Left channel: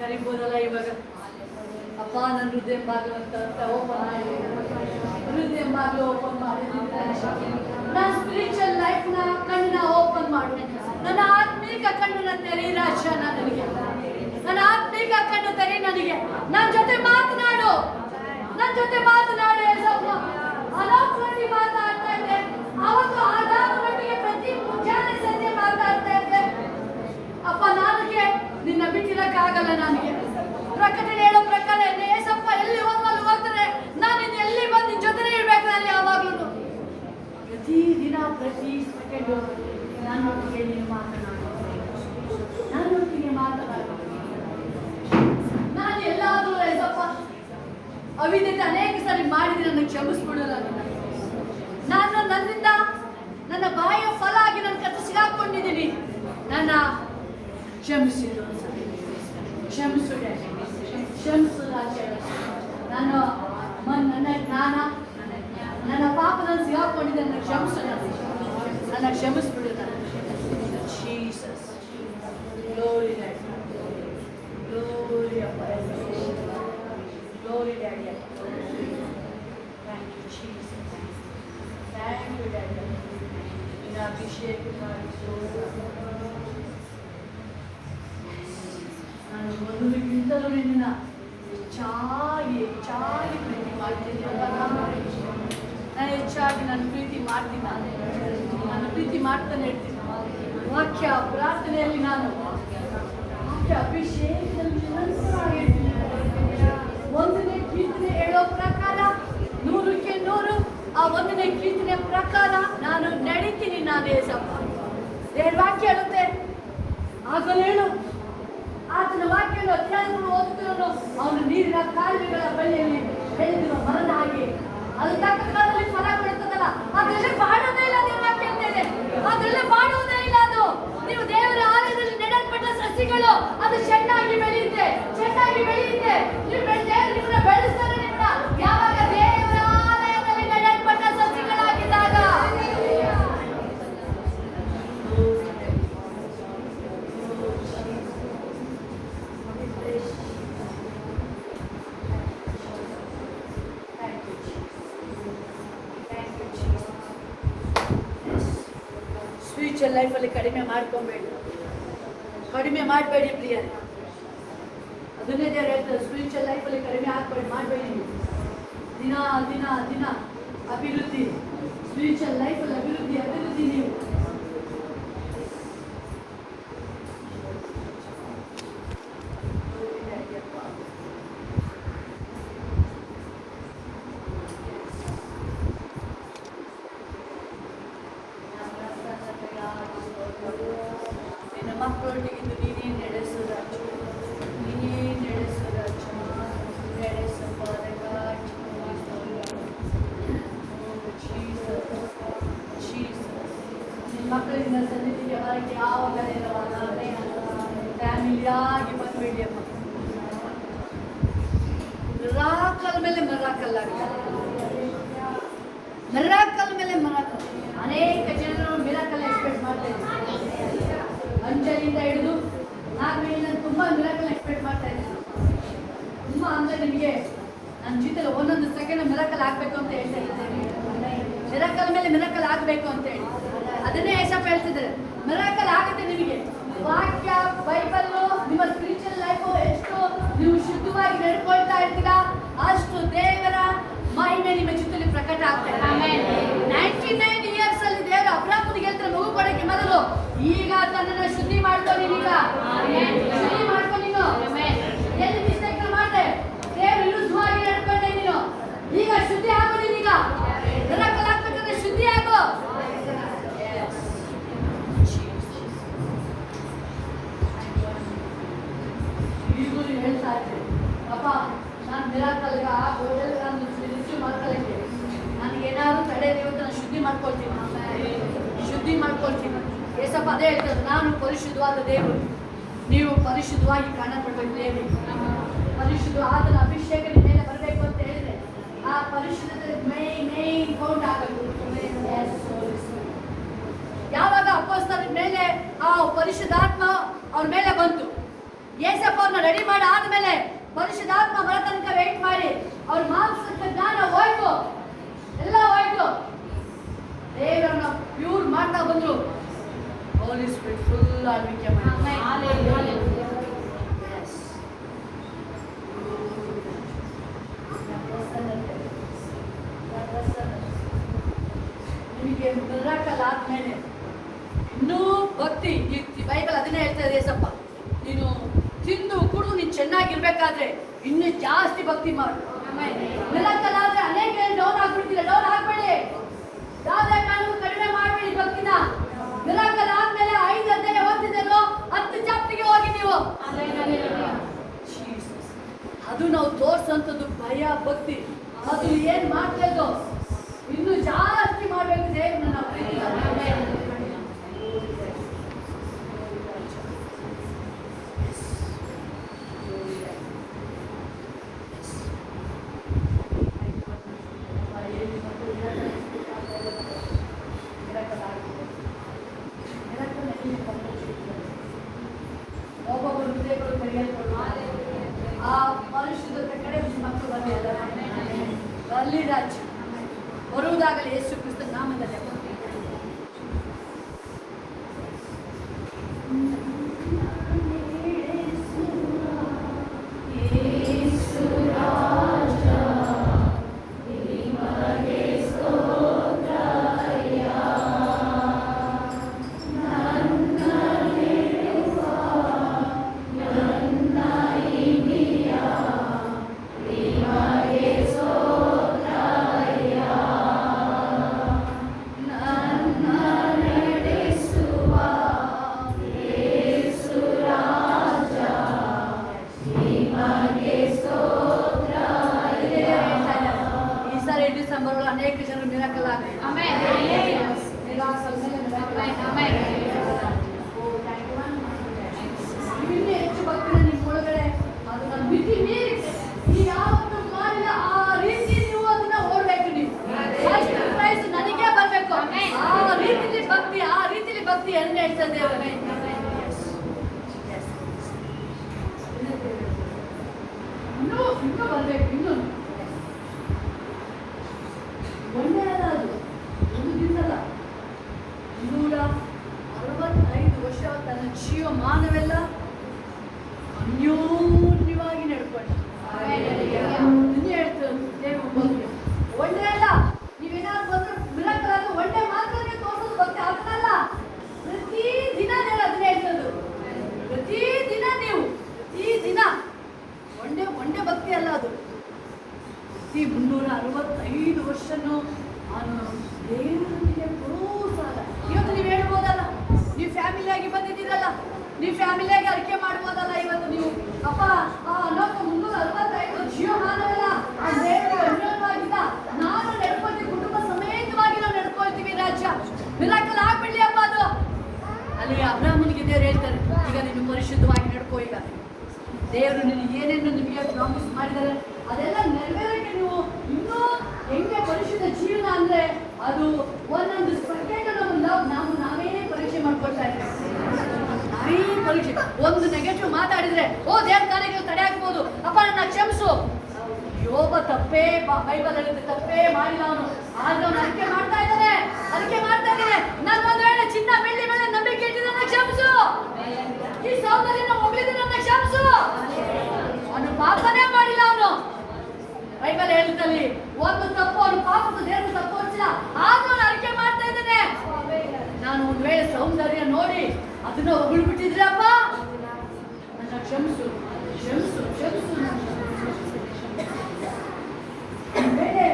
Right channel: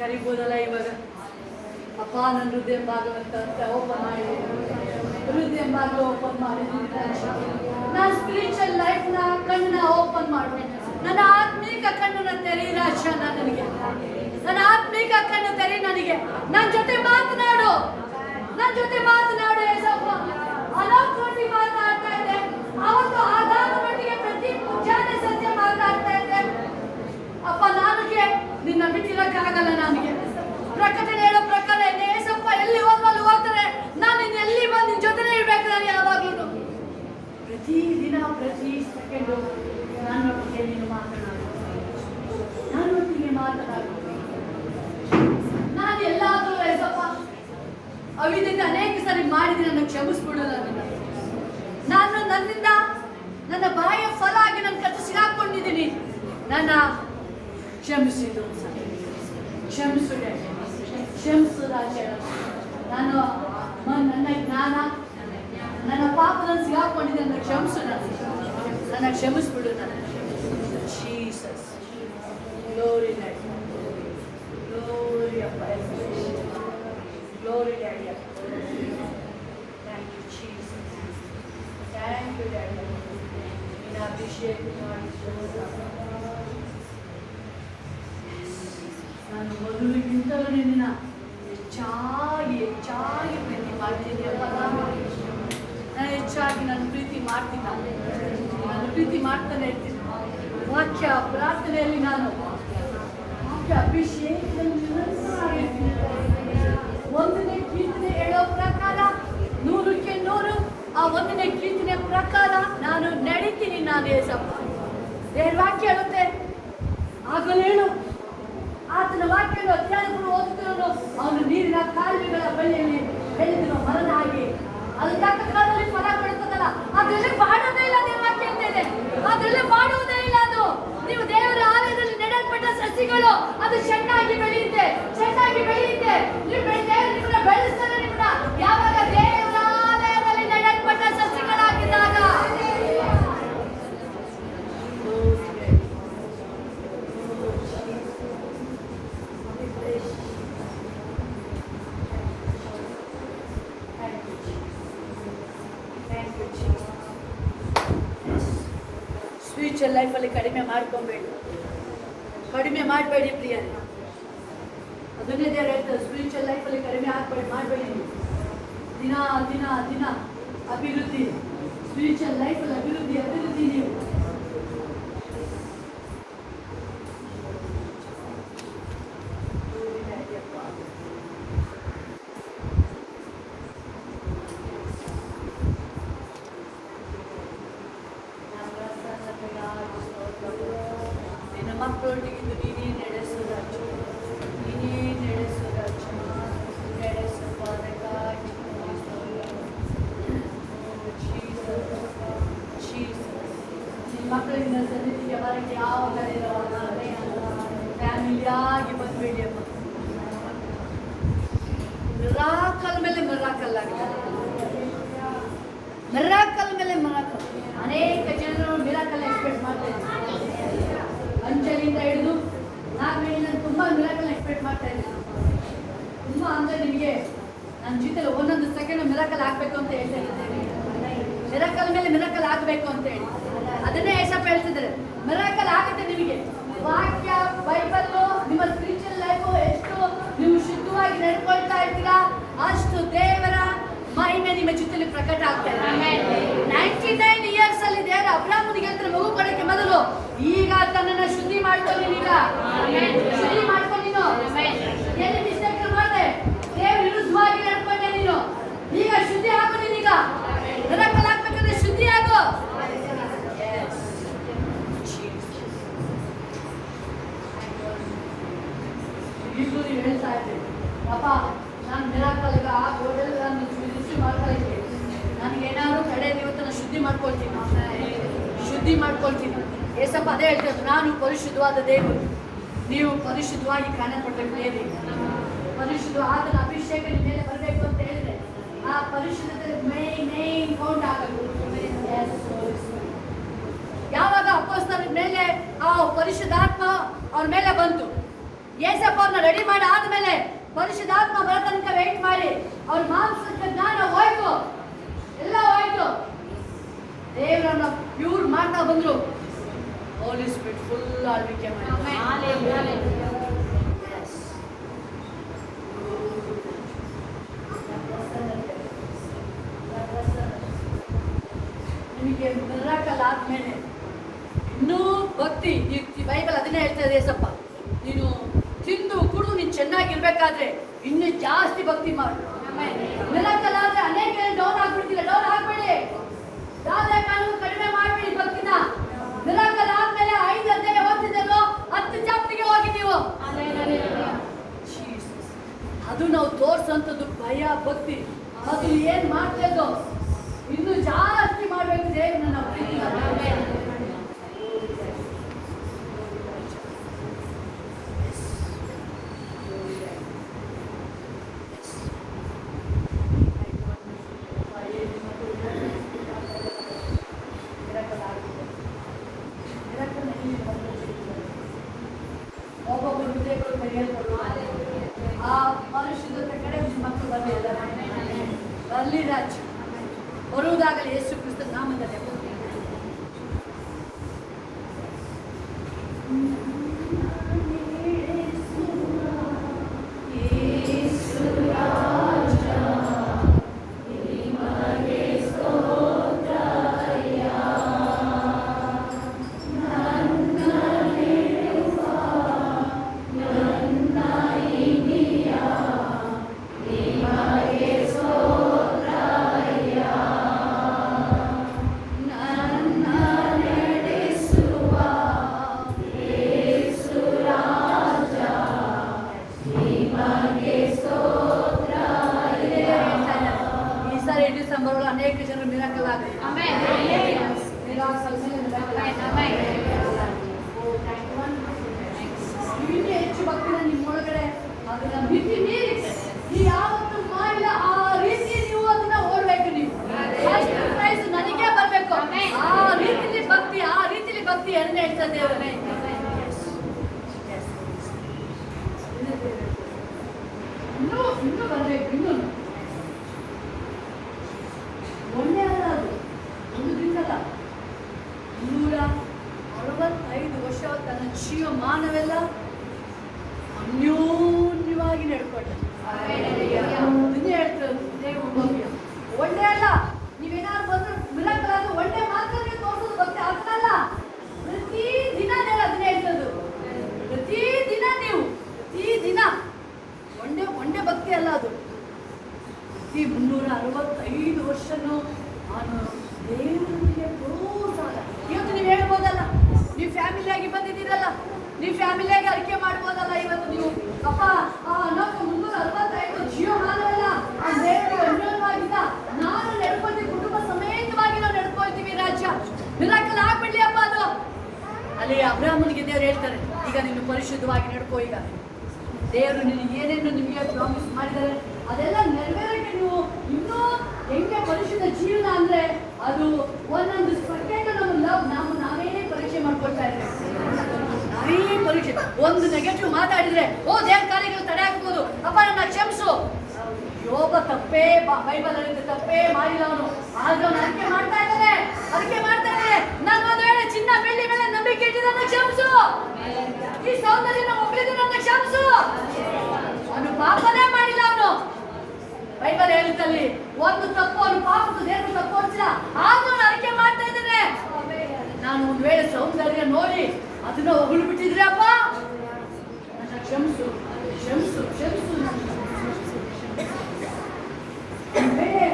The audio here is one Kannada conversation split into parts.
ಕರಿಬೋದಲ್ಲ ಇವಾಗ. ಅಪ್ಪ ನನ್ನ ಹೃದಯ ಬಾಗಿಲು ಅಂತ ಓಪನ್ ಮಾಡಿ, ಹೃದಯ ಬಾಗಿಲು ಓಪನ್ ಮಾಡಿ, ನನ್ನ ಸ್ಪಿರಿಚುವಲ್ ಲೈಫ್ನ ಕಣ್ಣನ್ನ ಓಪನ್ ಮಾಡು. ನನ್ನ ಆತ್ಮಿಕ ಕಣ್ಣನ್ನ ತೆರಿ ರಾಜ, ನನಗೆ ನನ್ನ ಆತ್ಮಿಕ ಕಣ್ಣು ತೆರಿ, ನನಗೆ ನನ್ನ ಜೊತೆ ಮಾತನಾಡು, ನನ್ನ ಜೊತೆ ಮಾತನಾಡು ಯೇಸಪ್ಪ. ಅನಾಥವಾಗಿ ಮಾತಾಡ್ತಾ ಇದ್ದೆ ಅವತ್ತು, ಆದಾದ ಮಟ್ಟಿಗೆ ಪ್ರತಿ ಮುಂಜಾನೆ ಸಂಜೆ ಮಾತಾಡ್ತಾ ಇದ್ದೆ ಅಪ್ಪ. ನನಗೆ ನಿನ್ನ ಬಿಟ್ಟಿರಕ್ಕಾಗಲ್ಲ. ನನಗೆ ಪ್ರಕಟಣೆ ಹೇಳೋ ಪ್ರಕಾರ ಯೇಸಪ್ಪ ಎಲ್ಲಿ ಹೋದ್ಮೇಲೆ ಹೋಗ್ತಾರೆ, ನಾನು ಎಲ್ಲಿ ಬಂದು ನಿನ್ನ ಜೊತೆನೇ ಇರ್ಬೇಕಾದ್ರೆ ಯಾವಾಗಲೂ ಪ್ರತಿ ದಿನ ಪ್ರತಿ ಸೆಕೆಂಡು ನನ್ನೊಟ್ಟಿಗೆ ನೀನು ಮಾತನಾಡು, ನನ್ನೊಟ್ಟಿಗೆ ಮಾತನಾಡು. ನಾನು ಎಲ್ಲಾದರೂ ಯೇಸಪ್ಪ ಅವಿದ್ಯತೆ ಅನೇಕ ಸಾರಿ ಮಾಡಿದ್ರೆ ನನ್ನ ಕ್ಷಮಿಸ್ಬಿಡು. ನಾನು ನನ್ನಿಂದ ನನ್ನ ಬಾಯ ಫಲ ಆಗಿ ನನ್ನ ಕತ್ತು ಸಿಗಾಕೊಂಡಿದ್ದೀನಿ. ನನ್ನ ಕ್ಷಮಿಸಿದ್ರು ಸರಿ, ಕ್ಷಮಿಸುಡೆ, ಕ್ಷಮಿಸು ರಾಜ. ನಾನು ನನ್ನ ಜ್ಞಾನ ನನ್ನ ಪಾಪದಲ್ಲಿ ಸಿಗಾಕೊಂಡಿದ್ದೆ, ನನ್ನ ಕ್ಷಮಿಸು, ನನ್ನ ಕ್ಷಮಿಸ್ಬಿಡು. ನನ್ನ ಜೀಸಸ್ ಗ್ಲೋರಿ ಡ್ಯಾಡಿ, ಗ್ಲೋರಿ ಅಪ್ಪ, ಗ್ಲೋರಿ ಡ್ಯಾಡಿ ಅಪ್ಪ. Thank you Jesus, thank you daddy. ನಿನ್ನ ಅಭಿಷೇಕ ಮಾಡಿ ನಾನು ಮೊದಲಿಗಿಂತಲೂ ನಿನ್ನ ಹೆಚ್ಚಾಗಿ ಹೆಚ್ಚಾಗಿ ಪ್ರೀತಿ ಮಾಡ್ತೀನಿ ಅಪ್ಪ. ನಾನು ಹೆಚ್ಚಾಗಿ ನನ್ನ ಪ್ರೀತಿ ಮಾಡ್ತೀನಿ, ನನ್ನ ಪ್ರೀತಿ ಮಾಡ್ತಾನೆ ಇರ್ತೀನಿ. ವಾಕ್ಯ ಪ್ರಾರ್ಥನೆಯಲ್ಲಿ ನಾನು ವಾಕ್ಯ ಅಭಿಷೇಕದಲ್ಲಿ ನಿರಂತರವಾಗಿರ್ತೀನಿ. ಒಂದನೇ ಕೀರ್ತನೆ ಹೇಳೋ ಪ್ರಕಾರ 100ಕ್ಕೆ 100 ಆ ಒಂದನೇ ಕೀರ್ತನೆ ಪ್ರಕಾರ ನಾನು ನಡೀತೀನಿ. ನಾನು ಯೇಸಪ್ಪ ದೇವ್ರ ವಾಕ್ಯ ಹೇಳುತ್ತೆ, ಆಗಲೇನು ಆತನ ವಾಕ್ಯವನ್ನು ಅಧ್ಯಾಯಗಳು ಓದುತ್ತಿರೋನು ಅವನು ನೀರಿನ ಕಾಲುವೆಗಳ ಬಳಿಯಲ್ಲಿ ಬೆಳೆದಿರೋ ಮರದ ಹಾಗೆ ಅದು ತಕ್ಕ ಕಾಲದಲ್ಲಿ ಫಲ ಕೊಡುತ್ತದಲ್ಲ. ಅದರಲ್ಲಿ ಮಾಡುವುದೇ ಇಲ್ಲ ನಿಮ್ಮ ವಾಕ್ಯ ಅಂತ ಇದೆ, ಅದರಲ್ಲಿ ಮಾಡುವುದೇ ಇಲ್ಲ. ಅದು ನೀವು ದೇವರ ಆಲಯದಲ್ಲಿ ನೆಡಲ್ಪಟ್ಟ ಸಸಿಗಳು, ಅದು ಚೆನ್ನಾಗಿ ಬೆಳೆಯುತ್ತೆ, ಚೆನ್ನಾಗಿ ಬೆಳೆಯುತ್ತೆ. ನೀವು ದೇವರು ನಿಮ್ಮನ್ನ ಬೆಳೆಸ್ತಾರೆ. ನಿಮ್ಮನ್ನ ಯಾವಾಗ ದೇವರ ಆಲಯದಲ್ಲಿ ನೆಡಲ್ಪಟ್ಟ ಸಸಿಗಳಾಗಿದ್ದಾಗ ಸ್ಪಿರಿಚುವಲ್ ಲೈಫಲ್ಲಿ ಕಡಿಮೆ ಮಾಡ್ಕೊಬೇಡಿ, ಕಡಿಮೆ ಮಾಡಬೇಡಿ ಪ್ರಿಯ. ಅದನ್ನೇ ದೇವರು ಹೇಳ್ತಾರೆ, ಸ್ಪಿರಿಚುವಲ್ ಲೈಫಲ್ಲಿ ಕಡಿಮೆ ಮಾಡಬೇಡಿ. ದಿನ ದಿನ ದಿನ ಅಭಿವೃದ್ಧಿ, ಸ್ಪಿರಿಚುವಲ್ ಲೈಫಲ್ಲಿ ಅಭಿವೃದ್ಧಿ ಅಭಿವೃದ್ಧಿ. ನೀವು ನಿನ್ನ ಮಕ್ಕಳೊಟ್ಟಿಗೆ ನೀನೇ ನಡೆಸು ರಾಜ, ನೀನೇ ನಡೆಸು ರಾಜ, ನಡೆಸಪ್ಪ. ಅದಕ್ಕಾಗಿ ನಿನ್ನ ಮಕ್ಕಳಿಂದ ಸನ್ನಿಧಿಗೆ ಹೊರಗೆ ಯಾವ ಬೆಲೆ ಫ್ಯಾಮಿಲಿಯಾಗಿ ಬಂದ್ಬೇಡಿ ಅಮ್ಮ. ಮಿರಾಕಲ್ ಮೇಲೆ ಮಿರಾಕಲ್ ಆಗಿದೆ, ಮಿರಾಕಲ್ ಮೇಲೆ ಮಿರಾಕಲ್. ಅನೇಕ ಜನರು ಮಿರಾಕಲ್ ಎಕ್ಸ್ಪೆಕ್ಟ್ ಮಾಡ್ತಾ ಇದ್ದಾರೆ. ಅಂಜಲಿಂದ ಹಿಡಿದು ನಾಗರಿಯಿಂದ ತುಂಬ ಮಿರಾಕಲ್ ಎಕ್ಸ್ಪೆಕ್ಟ್ ಮಾಡ್ತಾ ಇದ್ದಾರೆ. ತುಂಬ ಅಂದರೆ ನಿಮಗೆ ನನ್ನ ಜೀತಲ್ಲಿ ಒಂದೊಂದು ಸೆಕೆಂಡ್ ಮಿರಾಕಲ್ ಆಗಬೇಕು ಅಂತ ಹೇಳ್ತಾ ಇದ್ದೇನೆ. ಮಿರಾಕಲ್ ಮೇಲೆ ಮಿರಾಕಲ್ ಆಗಬೇಕು ಅಂತ ಹೇಳಿ ಅದನ್ನೇ ಯೇಸಪ್ಪ ಹೇಳ್ತಿದ್ದಾರೆ. ಮಿರಾಕಲ್ ಆಗುತ್ತೆ ನಿಮಗೆ. ವಾಕ್ಯ ಬೈಬಲ್ಲು ನಿಮ್ಮ ಸ್ಪಿರಿಚುವಲ್ ಲೈಫು ಎಷ್ಟು ನೀವು ಶುದ್ಧವಾಗಿ ನಡ್ಕೊಳ್ತಾ ಇರ್ತೀರಾ ಅಷ್ಟು ದೇವರ ಮಹಿಮೆ ನಿಮ್ಮ ಚಿತ್ತದಲ್ಲಿ ಪ್ರಕಟ ಆಗ್ತಾ ಇದೆ. 99 ಇಯರ್ಸ್ ಅಲ್ಲಿ ದೇವರ ಅಬ್ರಾಹ್ಮನಿಗೆ ಹೇಳ್ತಾರೆ, ಮಗು ಕೊಡಕ್ಕೆ ಮೊದಲು ಈಗ ತನ್ನನ್ನು ಶುದ್ಧಿ ಮಾಡ್ಕೊ. ನೀನೀಗ ಶುದ್ಧಿ ಮಾಡ್ಕೊ. ನೀನು ಎಲ್ಲಿ ಮಿಸ್ಟೇಕ್ ಮಾಡಿದೆ, ದೇವರು ವಿರುದ್ಧವಾಗಿ ನಡ್ಕೊಂಡೆ, ನೀನು ಈಗ ಶುದ್ಧಿ ಆಗು. ನೀನೀಗ ಮಿರಾಕಲ್ ಆಗ್ಬೇಕಂದ್ರೆ ಶುದ್ಧಿ ಆಗು. ಈಗೂ ನೀವು ಹೇಳ್ತಾ ಇದ್ದೀರಿ, ಅಪ್ಪ ನಾನು ಮಿರಾಕಲ್ಗ ಗೋಡೆಲ್ಲ ನಾನು ರಿಸೀವ್ ಮಾಡ್ಕೊಳ್ಳಿಕ್ಕೆ ನನಗೇನಾದ್ರು ತಡೆ ಇವತ್ತು ನಾನು ಶುದ್ಧಿ ಮಾಡ್ಕೊಳ್ತೀನಿ. ಏಸಪ್ಪ ಅದೇ ಹೇಳ್ತಾರೆ, ನಾನು ಪರಿಶುದ್ಧವಾದ ದೇವರು, ನೀವು ಪರಿಶುದ್ಧವಾಗಿ ಕಾಣಪಡಬೇಕು. ದೇವಿ ಪರಿಶುದ್ಧ ಆತನ ಅಭಿಷೇಕ ನಿಮ್ಮ ಮೇಲೆ ಬರಬೇಕು ಅಂತ ಹೇಳಿದ್ರೆ ಆ ಪರಿಶುದ್ಧತೆ ಮೇನ್ ಕೌಂಟ್ ಆಗಬೇಕು. ಯಾವಾಗ ಅಪೊಸ್ತಲರ ಮೇಲೆ ಆ ಪರಿಶುದ್ಧಾತ್ಮ ಅವ್ರ ಮೇಲೆ ಬಂತು, ಏಸಪ್ಪ ಅವ್ರನ್ನ ರೆಡಿ ಮಾಡಿ ಆದ್ಮೇಲೆ ಪರಿಶುದ್ಧಾತ್ಮ ಬರೋ ತನಕ ವೇಟ್ ಮಾಡಿ ಅವ್ರ ಮಾಂಸಕ್ಕೆ ಜ್ಞಾನ ಹೋಯ್ತು, ಎಲ್ಲ ಹೋಯ್ತು. ದೇವರನ್ನ ಪ್ಯೂರ್ ಮಾಡ್ತಾ ಬಂದ್ರು. ಹೋಲಿ ಸ್ಪಿರಿಟ್ ಫುಲ್ ಆಳ್ವಿಕೆ ಮಾಡಿ ನಿಮಗೆ ಮಿರಾಕಲ್ ಆದ್ಮೇಲೆ ಇನ್ನೂ ಭಕ್ತಿ. ಈ ಬೈಬಲ್ ಅದನ್ನೇ ಹೇಳ್ತದೆ, ಏಸಪ್ಪ ನೀನು ತಿಂದು ಕುಡು ನೀನು ಚೆನ್ನಾಗಿರ್ಬೇಕಾದ್ರೆ ಇನ್ನೂ ಜಾಸ್ತಿ ಭಕ್ತಿ ಮಾಡು. ಮಿರಾಕಲ್ ಆದ್ರೆ ಅನೇಕ ಡೌನ್ ಆಗ್ಬಿಡ್ತೀರ, ಡೌನ್ ಆಗ್ಬೇಡಿ, ಯಾವುದೇ ಕಾನೂನು ಕಡಿಮೆ ಮಾಡ್ಬೇಡಿ ಭಕ್ತಿನ. ಮಿರಾಕಲ್ ಆದ್ಮೇಲೆ 5 ಅಧ್ಯಾಯ ಓದ್ತಿದ್ದಲ್ಲೋ 10 ಚಾಪ್ಟರ್ಗೆ ಹೋಗಿ ನೀವು. ಅದು ನಾವು ತೋರ್ಸಂತದ್ದು ಭಯ ಭಕ್ತಿ. ಅದು ಏನ್ ಮಾಡ್ಬೇಕು, ಇನ್ನು ಜಾಸ್ತಿ ಮಾಡ್ಬೇಕು ದೇವ್ರನ್ನ ನಾವು ಪ್ರೀತಿ. ಒಬ್ಬೊಬ್ಬರು ವಿಜಯಗಳು ಕರೆಯಲ್ಪಡುವ ಆ ಮನುಷ್ಯದ ಕಡೆ ಮಕ್ಕಳು ಬರಲಿ ರಾಜ್ಯ ಬರುವುದಾಗಲಿ ಯೇಸು ಕ್ರಿಸ್ತ ನಾಮದಲ್ಲಿ. ಅನೇಕ ಜನ ಮಿರಾಕಲ್ ಆಗಲಿ. ಹೆಚ್ಚು ಭಕ್ತಿನ ನಿಮ್ಮೊಳಗಡೆ ಅದನ್ನ ಮಿತಿ ಮೀರಿ ನೀವು ಯಾವತ್ತು ಮಾಡಿಲ್ಲ ಆ ರೀತಿ ನೀವು ಅದನ್ನ ಓಡ್ಬೇಕು. ನೀವು ನನಗೆ ಬರ್ಬೇಕು ಆ ರೀತಿಲಿ ಭಕ್ತಿ, ಆ ರೀತಿಲಿ ಭಕ್ತಿ ಹೆಂಗೆ ಹೇಳ್ತದೆ ಇನ್ನೂ ಬರ್ಬೇಕು. ಇನ್ನೂ ಒಂದೇ ಅಲ್ಲ, ಅದು ಒಂದು ದಿನಲ್ಲ, 265 ವರ್ಷ ತನ್ನ ಜೀವಮಾನವೆಲ್ಲ ಅನ್ಯೋನ್ಯವಾಗಿ ನಡ್ಕೊಂಡ. ಒಂದೇ ಅಲ್ಲ, ನೀವೇನಾದ್ರು ಬಂದ್ರೆ ಮಿರಾಕಲ್ ಆದ್ರೆ ಒಂದೇ ಮಾತ್ರ ತೋರಿಸೋದು ಭಕ್ತಿ ಆಗ್ತಲ್ಲ. ಪ್ರತಿ ದಿನ ಅದನ್ನ ಹೇಳ್ತದ್ದು, ಪ್ರತಿ ದಿನ ನೀವು ಪ್ರತಿ ದಿನ ಒಂದೇ ಭಕ್ತಿ ಅಲ್ಲ ಅದು. 365 ವರ್ಷನೂ ನಾನು ದೇವರಿಗೆ ಪ್ರೋತ್ಸಾಹ. ಇವತ್ತು ನೀವು ಹೇಳ್ಬೋದಲ್ಲ, ನೀವು ಫ್ಯಾಮಿಲಿಯಾಗಿ ಬಂದಿದ್ದೀರಲ್ಲ, ನೀವು ಫ್ಯಾಮಿಲಿಯಾಗಿ ಅರಿಕೆ ಮಾಡ್ಬೋದಲ್ಲ. ಇವತ್ತು ನೀವು ಅಪ್ಪ ಅನ್ನೋಕೆ 365 ಜೀವಮಾನವೆಲ್ಲ ಆ ದೇವರು ಅನ್ಯೋನ್ಯವಾಗಿದ್ದ ನಾನು ನಡ್ಕೊಳ್ತೀವಿ, ಕುಟುಂಬ ಸಮೇತವಾಗಿ ನಾವು ನಡ್ಕೊಳ್ತೀವಿ ರಾಜ್ಯ. ಮಿರಾಕಲ್ ಆಗ್ಬಿಡ್ಲಿ ಅಪ್ಪ ಅದು. ಅಲ್ಲಿ ಅಬ್ರಾಹ್ಮನಿಗೆ ದೇವರು ಹೇಳ್ತಾರೆ, ಈಗ ನೀನು ಪರಿಶುದ್ಧವಾಗಿ ನಡ್ಕೋ. ಈಗ ದೇವರು ನಿನಗೆ ಏನೇನು ನಿಮಗೆ ಪ್ರಾಮಿಸ್ ಮಾಡಿದ್ದಾರೆ ಅದೆಲ್ಲ ನೆರವೇರಕ್ಕೆ ನೀವು ಇನ್ನೂ ಹೆಂಗೆ ಪರಿಶುದ್ಧ ಜೀವನ ಅಂದ್ರೆ ಅದು ಒಂದೊಂದು ಸೆಕೆಂಡ್ ನಾವೇನೇ ಪರೀಕ್ಷೆ ಮಾಡ್ಕೊಳ್ತಾ ಇದ್ದೀವಿ. ನಾವೇ ಪರೀಕ್ಷೆ, ಒಂದು ನೆಗೆಟಿವ್ ಮಾತಾಡಿದ್ರೆ ದೇವ್ರ ಕಾರ್ಯಗಳು ತಡೆ ಹಾಕ್ಬೋದು. ಅಪ್ಪ ನನ್ನ ಕ್ಷಮಿಸು. ಯೋಬ ತಪ್ಪೇ ಬೈಬಲ್ ಅಲ್ಲಿ ತಪ್ಪೇ ಮಾಡಿಲ್ಲ ಅವನು, ಆದ್ರೆ ಅವನು ಅದಕ್ಕೆ ಮಾಡ್ತಾ ಇದ್ದಾನೆ. ನನ್ನ ಒಂದು ವೇಳೆ ಚಿನ್ನ ಬೆಳ್ಳಿ ಮೇಲೆ ನಂಬಿಕೆ ಇಟ್ಟು ನನ್ನ ಕ್ಷಮಿಸು, ಈ ಸೌಂದರ್ಯನ ಒಬ್ಬರಿದ್ದು ನನ್ನ ಕ್ಷಮಿಸು. ಅವನು ಪಾಪನೇ ಮಾಡಿಲ್ಲ. ಅವನು ಬೈಬಲ್ ಹೇಳುತ್ತಲ್ಲಿ ಒಂದು ತಪ್ಪು ಅವನು ಪಾಪದ ದೇವರು ತಪ್ಪು ಹೊರಿಸಿಲ್ಲ, ಆದ್ರೂ ಅವನು ಅರಿಕೆ ಮಾಡ್ತಾ ಇದ್ದಾನೆ. ನಾನು ಒಂದು ವೇಳೆ ಸೌಂದರ್ಯ ನೋಡಿ ಅದನ್ನ ಹೊಗಳ್ಬಿಟ್ಟಿದ್ರೆ ಅಪ್ಪ ನನ್ನ ಕ್ಷಮಿಸು ಕ್ಷಮಿಸು ಕ್ಷಮಿಸು. ಬೇರೆ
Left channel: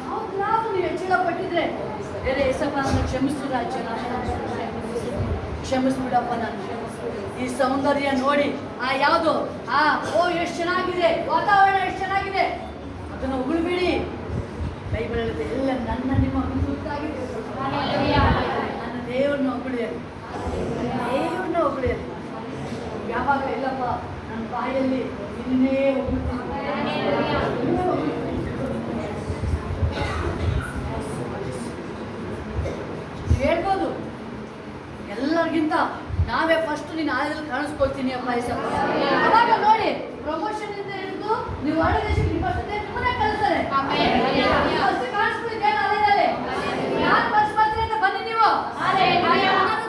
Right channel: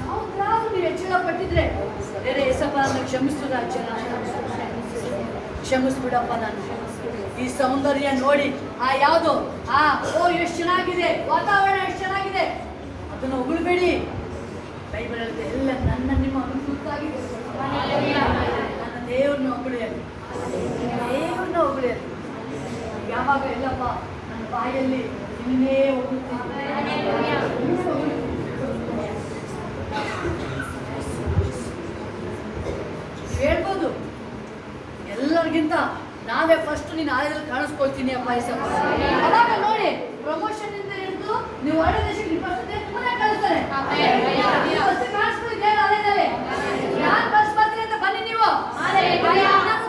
ಯಾವ್ದಾದ್ರು ನೀವು ಹೆಚ್ಚಳ ಪಟ್ಟಿದ್ರೆ ಬೇರೆ ಏಸಪ್ಪ ನನ್ನ ಕ್ಷಮಿಸು ರಾಜ್ಯ, ಕ್ಷಮಿಸ್ಬಿಡಪ್ಪ. ನಾನು ಈ ಸೌಂದರ್ಯ ನೋಡಿ ಯಾವುದು ಎಷ್ಟು ಚೆನ್ನಾಗಿದೆ, ವಾತಾವರಣ ಎಷ್ಟು ಚೆನ್ನಾಗಿದೆ, ಅದನ್ನು ಉಗುಳ್ಬೇಡಿ. ಬೈಬಲ್ ಹೇಳುತ್ತೆ ಎಲ್ಲ ನನ್ನ ನಿಮ್ಮ ಗುರುತಾಗಿದೆ. ನನ್ನ ದೇವ್ರನ್ನ ಹೊಗಳಿಯಲಿ, ದೇವ್ರನ್ನ ಹೊಗಳಿಯಲಿ. ಯಾವಾಗ ಎಲ್ಲಪ್ಪ ನನ್ನ ಬಾಯಲ್ಲಿ ಇನ್ನೇ ಹೇಳ್ಬೋದು. ಎಲ್ಲರಿಗಿಂತ ನಾವೇ ಫಸ್ಟ್ ನಿನ್ನ ಆಲಯದಲ್ಲಿ ಕಾಣಿಸ್ಕೊಳ್ತೀನಿ ಅಪ್ಪ ಏಸಪ್ಪ. ಅವಾಗ ನೋಡಿ ಪ್ರಮೋಷನ್ ಇಂದ ಹಿಡಿದು ನೀವು ಒಳ್ಳೆ ದೇಶಕ್ಕೆ ನಿಮ್ಮನ್ನೇ ಕಳಿಸ್ತಾರೆ. ಫಸ್ಟ್ ಕಾಣಿಸ್ಕೊಳ್ಳಿದ್ದೇನು ಆಲಯದಲ್ಲಿ ಯಾರು ಫಸ್ಟ್ ಬರ್ತೀನಿ ಅಂತ ಬನ್ನಿ ನೀವು.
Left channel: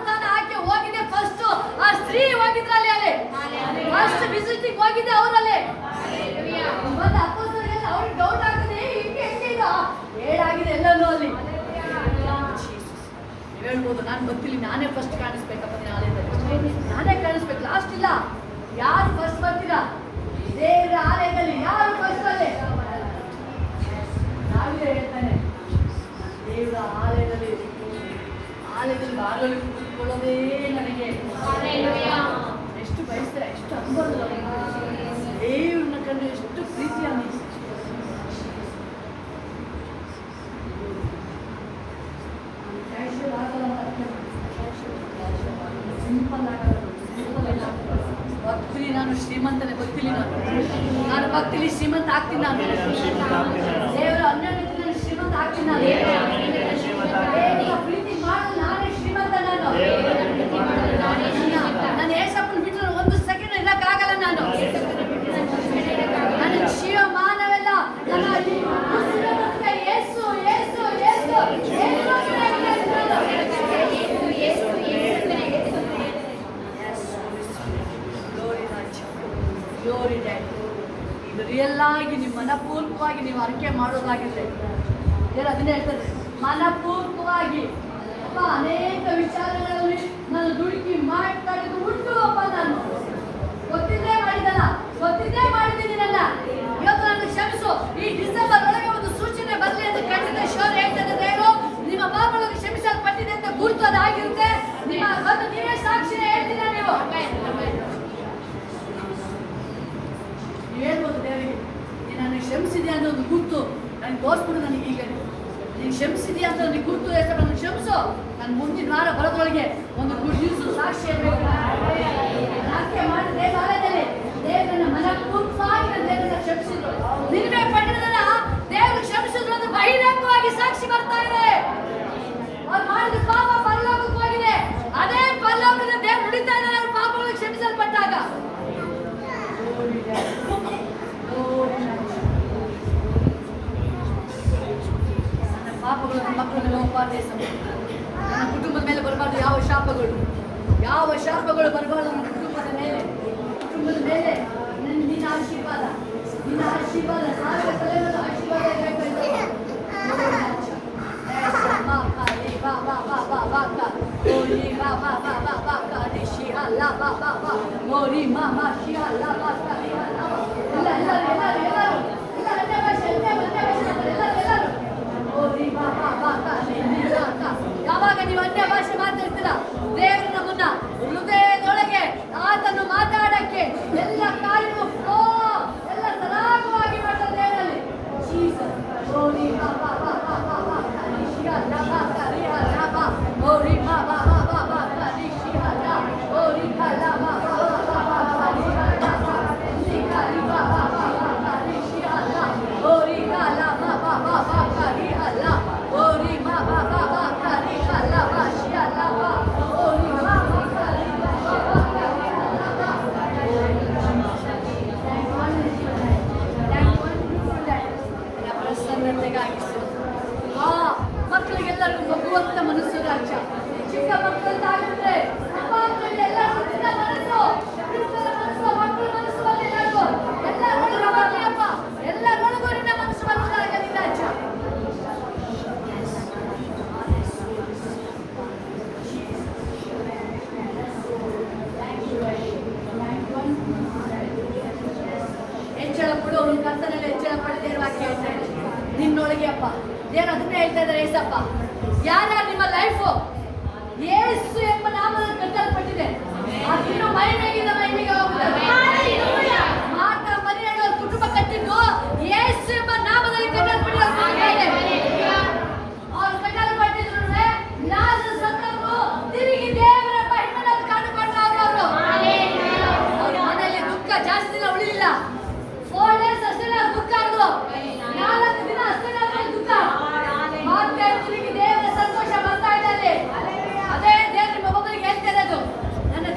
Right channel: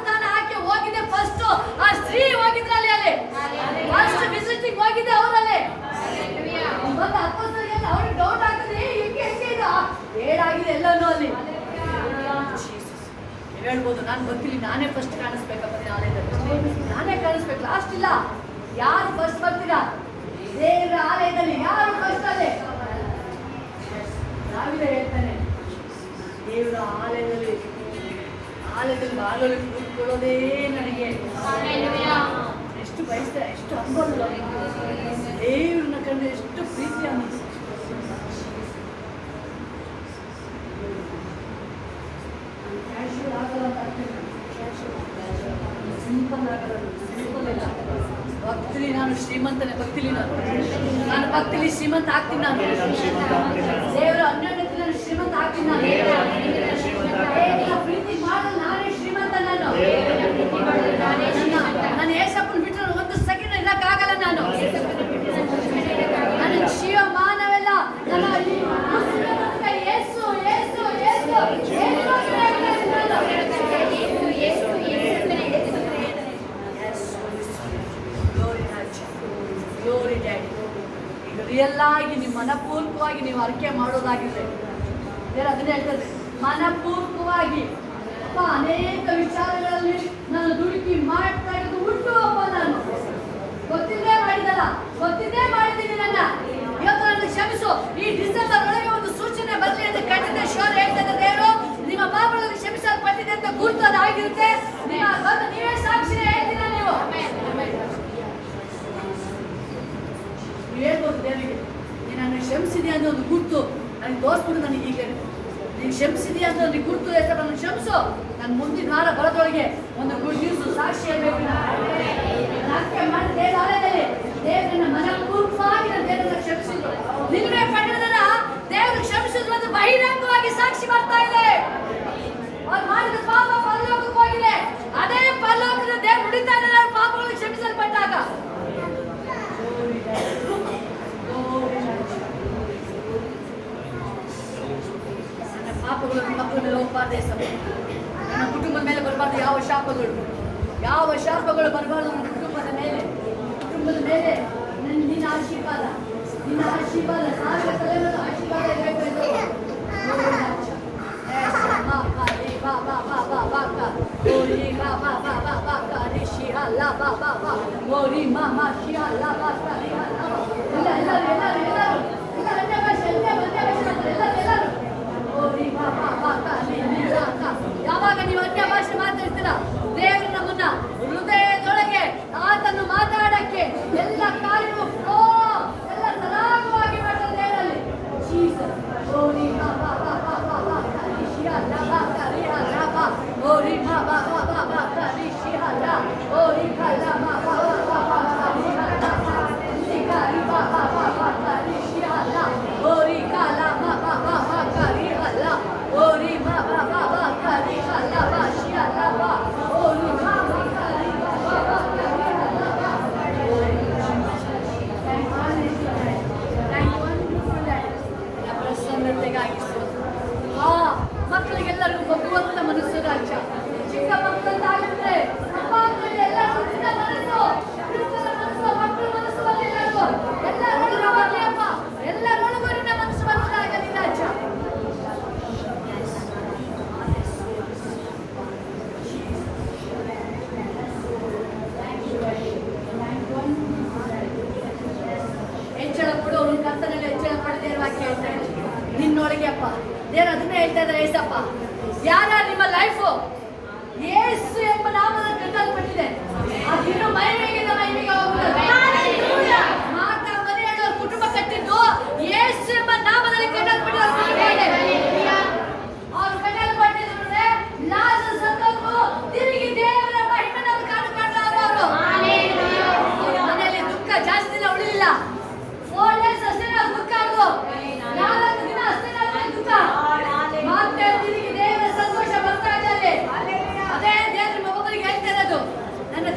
ತಾನು ಆಕೆ ಹೋಗಿದೆ ಫಸ್ಟ್, ಆ ಸ್ತ್ರೀ ಹೋಗಿದ್ರಲ್ಲಿ ಅಲ್ಲಿ ಫಸ್ಟ್ ವಿಸಿಟಿಂಗ್ ಹೋಗಿದೆ ಅವರಲ್ಲಿ. ಮತ್ತೆ ಅಪ್ಪಸ್ತರಿಗೆ ಅವ್ರಿಗೆ ಡೌಟ್ ಆಗ್ತದೆ, ಹಿಂಗೆ ಇದು ಹೇಳಾಗಿದೆ ಎಲ್ಲನೂ ಅಲ್ಲಿ. ನೀವು ಹೇಳ್ಬೋದು ನಾನು ಗೊತ್ತಿಲ್ಲ, ನಾನೇ ಫಸ್ಟ್ ಕಾಣಿಸ್ಬೇಕಪ್ಪ ನಿನ್ನ ಆಲಯದಲ್ಲಿ, ನಾನೇ ಕಾಣಿಸ್ಬೇಕು, ಲಾಸ್ಟ್ ಇಲ್ಲ. ಯಾರು ಫಸ್ಟ್ ಬರ್ತೀರಾ ದೇವರ ಆಲಯದಲ್ಲಿ? ಯಾರು ಫಸ್ಟ್ ಅಲ್ಲಿ? ನಾವೇ ಹೇಳ್ತಾನೆ ದೇವರ ಆಲಯದಲ್ಲಿ ಭಾಗಗಳು ಕೂತ್ಕೊಳ್ಳೋದೇ ನನಗೆ ಎಷ್ಟು ಬಯಸ್ತಾರೆ, ಎಷ್ಟು ಅನ್ಬೋದು ದೇವ್ರನ್ನ ಕಂಡ್ರೆ ಎಷ್ಟು ಪ್ರೀತಿ ಅನ್ನಿಸ್ತು. ಸಿಂಪಲ್ ಆಗಲ್ಲ, ಭಕ್ತಿಲಿ ನಾನು ಶ್ರೀಮಂತನೇ, ಭಕ್ತಿಲಿ ನಾನು ಭಕ್ತಿಲಿ ಶ್ರೀಮಂತ ಆಗ್ತೀನಿ. ನಾನು ದೇವರ ಅನ್ಯೋನ್ಯತೆ ನಾನು ಶ್ರೀಮಂತ ಆಗ್ತೀನಿ. ನಾನು ಪ್ರೀತಿ ಮಾಡಲು ನಾನೇ ಶ್ರೀಮಂತ. ನಾನು ಏಸಪ್ಪನ ಬಿಟ್ಟರೆ ಒಂದು ಸೆಕೆಂಡ್ ಇರಕ್ಕಾಗಲ್ಲ. ನಾನು ನನ್ನ ಶಿವ ಮಾನವೆಲ್ಲ ನನ್ನ ಏಸು ಏಸು ಏಸು ಗ್ಲೋರಿ ಡ್ಯಾಡಿ. ಈಗ ರಿಯಲ್ ಆಗಿ ನೀವು ಮನಪೂರ್ವಕವಾಗಿ ನೀವು ಅರಿಕೆ ಮಾಡೋದಾಗಿದ್ರೆ ಅದನ್ನೇ ಹೇಳ್ತದೆ, ಮನಪೂರ್ವಕವಾಗಿ ಅಪ್ಪ ಅನೇಕ ವಿಚಾರಗಳಲ್ಲಿ ನಾನು ದುಡುಕಿ ಮಾಡ್ತಾ ಇರೋದು ಉಂಟು ಅಪ್ಪ. ನಾನು ಗೊತ್ತಿದ್ದೇ ಮಾಡಿದಲ್ಲ, ಗೊತ್ತಿದ್ದೇ ಮಾಡಿದ್ದೀನಿ. ನನ್ನ ಇವತ್ತು ನನ್ನ ಕ್ಷಮಿಸು. ಈ ಡಿಸೆಂಬರ್ ಒಳಗೆ ಒಂದು ಸೂಚನೆ ಬರಲಿ ಅಂತ ಖಂಡಿತ ಶೋರ್ ಹೇಳ್ತದೆ. ದೇವರು ನಿಮ್ಮ ಪಾಪಗಳನ್ನು ಕ್ಷಮಿಸಲ್ಪಟ್ಟಿದೆ ಅಂತ ಗುರುತದಾಗಿರುತ್ತೆ. ನೀವೇ ಸಾಕ್ಷಿ ಹೇಳ್ತೀರ. ನೀವು ಹೇಳ್ಬೋದು ದೇವರಿಗೆ, ನಾನು ಕ್ಷಮಿಸಿದೆ ಅಂತ ಒಂದು ಗುರುತು ನನಗೆ ತೋರಿಸ್ಬಿಟ್ಟು ನನಗೆ ಈಗ ನೀನು ಕ್ಷಮಿಸಿದೆಯಾ ಅಂತ ನನಗೆ ಗುರುತು ಹೆಸರು ನನಗೆ ಕ್ಷಮಿಸು. ನಾನು ಮುಂದಿನ ವಾರ ಬರೋದ್ರೊಳಗೆ ಒಂದು ಗುಡ್ ನ್ಯೂಸ್ ಸಾಕ್ಷಿ ಹೇಳ್ಬೇಕು. ನಾಟ್ಯ ಮಾಡಿ ದೇವಾಲಯದಲ್ಲಿ ದೇವರನ್ನ ಮನಪೂರ್ವಕವಾಗಿ ನನ್ನ ದೇವರನ್ನ ಕ್ಷಮಿಸಿದ್ರು. ನಿನ್ನೆ ಪಟ್ಟಣದಲ್ಲ ದೇವರು ಕ್ಷಮಿಸಿದ್ರು ಅಂತ ಬಹಿರಂಗವಾಗಿ ಸಾಕ್ಷಿ ಬರ್ತಾ ಇದೆ. ಅವ್ರು ಮಾಡಿದ ಪಾಪ ಪರಲೋಕಕ್ಕೆ ಹೋಗಿದೆ. ಅದೇ ಪರಲೋಕದ ದೇವರು ನುಡಿತಾ ಇದ್ದಾರೆ ಅವ್ರ ಪಾಪಗಳು ಕ್ಷಮಿಸಲ್ಪಟ್ಟಾಗ. ನನ್ನ ಪಾಪಗಳು ನನ್ನ ಮಕ್ಕಳ ಮೇಲೆ ಹೋಗಬಾರ್ದು. ನನ್ನ ಕುಟುಂಬದ ಮೇಲೆ ಬರಬಾರ್ದು. ಯಾವ ಶಾಪಗಳು ಬರಬಾರ್ದು ನನ್ನ ಕುಟುಂಬದ ಮೇಲೆ ನಿನ್ನ ಆಶೀರ್ವಾದ ಸಾವಿರ ತಲೆಗಳ ಆಶೀರ್ವಾದ ಯಾವಾಗ ನೀವು ಅನ್ಯ ಭಾಷೆ ಮಾತಾಡ್ತೀರಾ, ದೇವರು ನಮ್ಮನ್ನ ಹೃದಯದೊಳಗೆ ಆತನ್ನು ಮಾತಾಡಕ್ಕೆ ಎಲ್ಲ ಕಾರ್ಯವೂ ಎಲ್ಲ ಸರಾಗವಾಗಿ ಮಾಡ್ತಾರೆ ದೇವರಲ್ಲಿ. ಮಕ್ಕಳಿಗೆಲ್ಲರಿಗೂ ಮಗುವಂತ ಮನಸ್ಸು ರಾಜ್ಯ. ಚಿಕ್ಕ ಮಕ್ಕಳಂತ ಆಗಿಬಿಟ್ರೆ ಎಲ್ಲ ಮನಸ್ಸು ಬರುವುದಾಗಲಿ ರಾಜ್ಯ. ಹೆಚ್ಚಳ ಕೊಡು ಕರ್ತನಲ್ಲಿ ಹೆಚ್ಚಳ ಪಡೆದೇ ವಾಕ್ಯ ಹೇಳ್ತಾ ಇದೆ ನಿನ್ನೊಳಗೆ ಅಪ್ಪ. ದೇವರು ಅದನ್ನೇ ಹೇಳ್ತಾ ಇದ್ದಾರೆ. ಏಸಪ್ಪ ಯಾರ ನಿಮ್ಮ ಲೈಫು ಯೇಸು ಎಂಬ ನಾಮದಲ್ಲಿ ಕಟ್ಟಲ್ಪಟ್ಟಿದೆ, ಅದಿನ್ನು ಮಹಿಮೆಗೆ ಹೋಗುತ್ತದೆ. ಮಾತಾ ಮರಿಯಳ ಕುಟುಂಬ ಕಟ್ಟಿದ್ದು ಯೇಸು ಎಂಬ ನಾಮದಲ್ಲಿ ಕಟ್ಟಲ್ಪಟ್ಟಿದೆ. ಅವರು ಕಟ್ಟಲ್ಪಟ್ಟಿದ್ರು ಲಾಜರ್ ಸತ್ತರು ತಿರುಗಿ ದೇವರ ಮಹಿಮೆಯನ್ನು ಕಂಡುಕೊಂಡರು. ಅವರು ಮನೆಯಲ್ಲಿ ದುಃಖ ಜಾಸ್ತಿ ದಿನ ಉಳಿಲಿಲ್ಲ. 4 days ಅಷ್ಟೇ ದುಃಖ ಆಡ್ದು, 4 ದಿನ ಅಷ್ಟೇ ದುಃಖ. ಮತ್ತೆ ತಿರುಗಿ ದೇವರ ಸಂತೋಷ ಬರ್ತಾ ಇದ್ದಾರೆ. ಅದೇ ದೇವರು ನಿಮ್ಮ ಒಬ್ಬರಿಗೆ ಹೇಳ್ತಾ ಇರೋದು, ನನ್ನ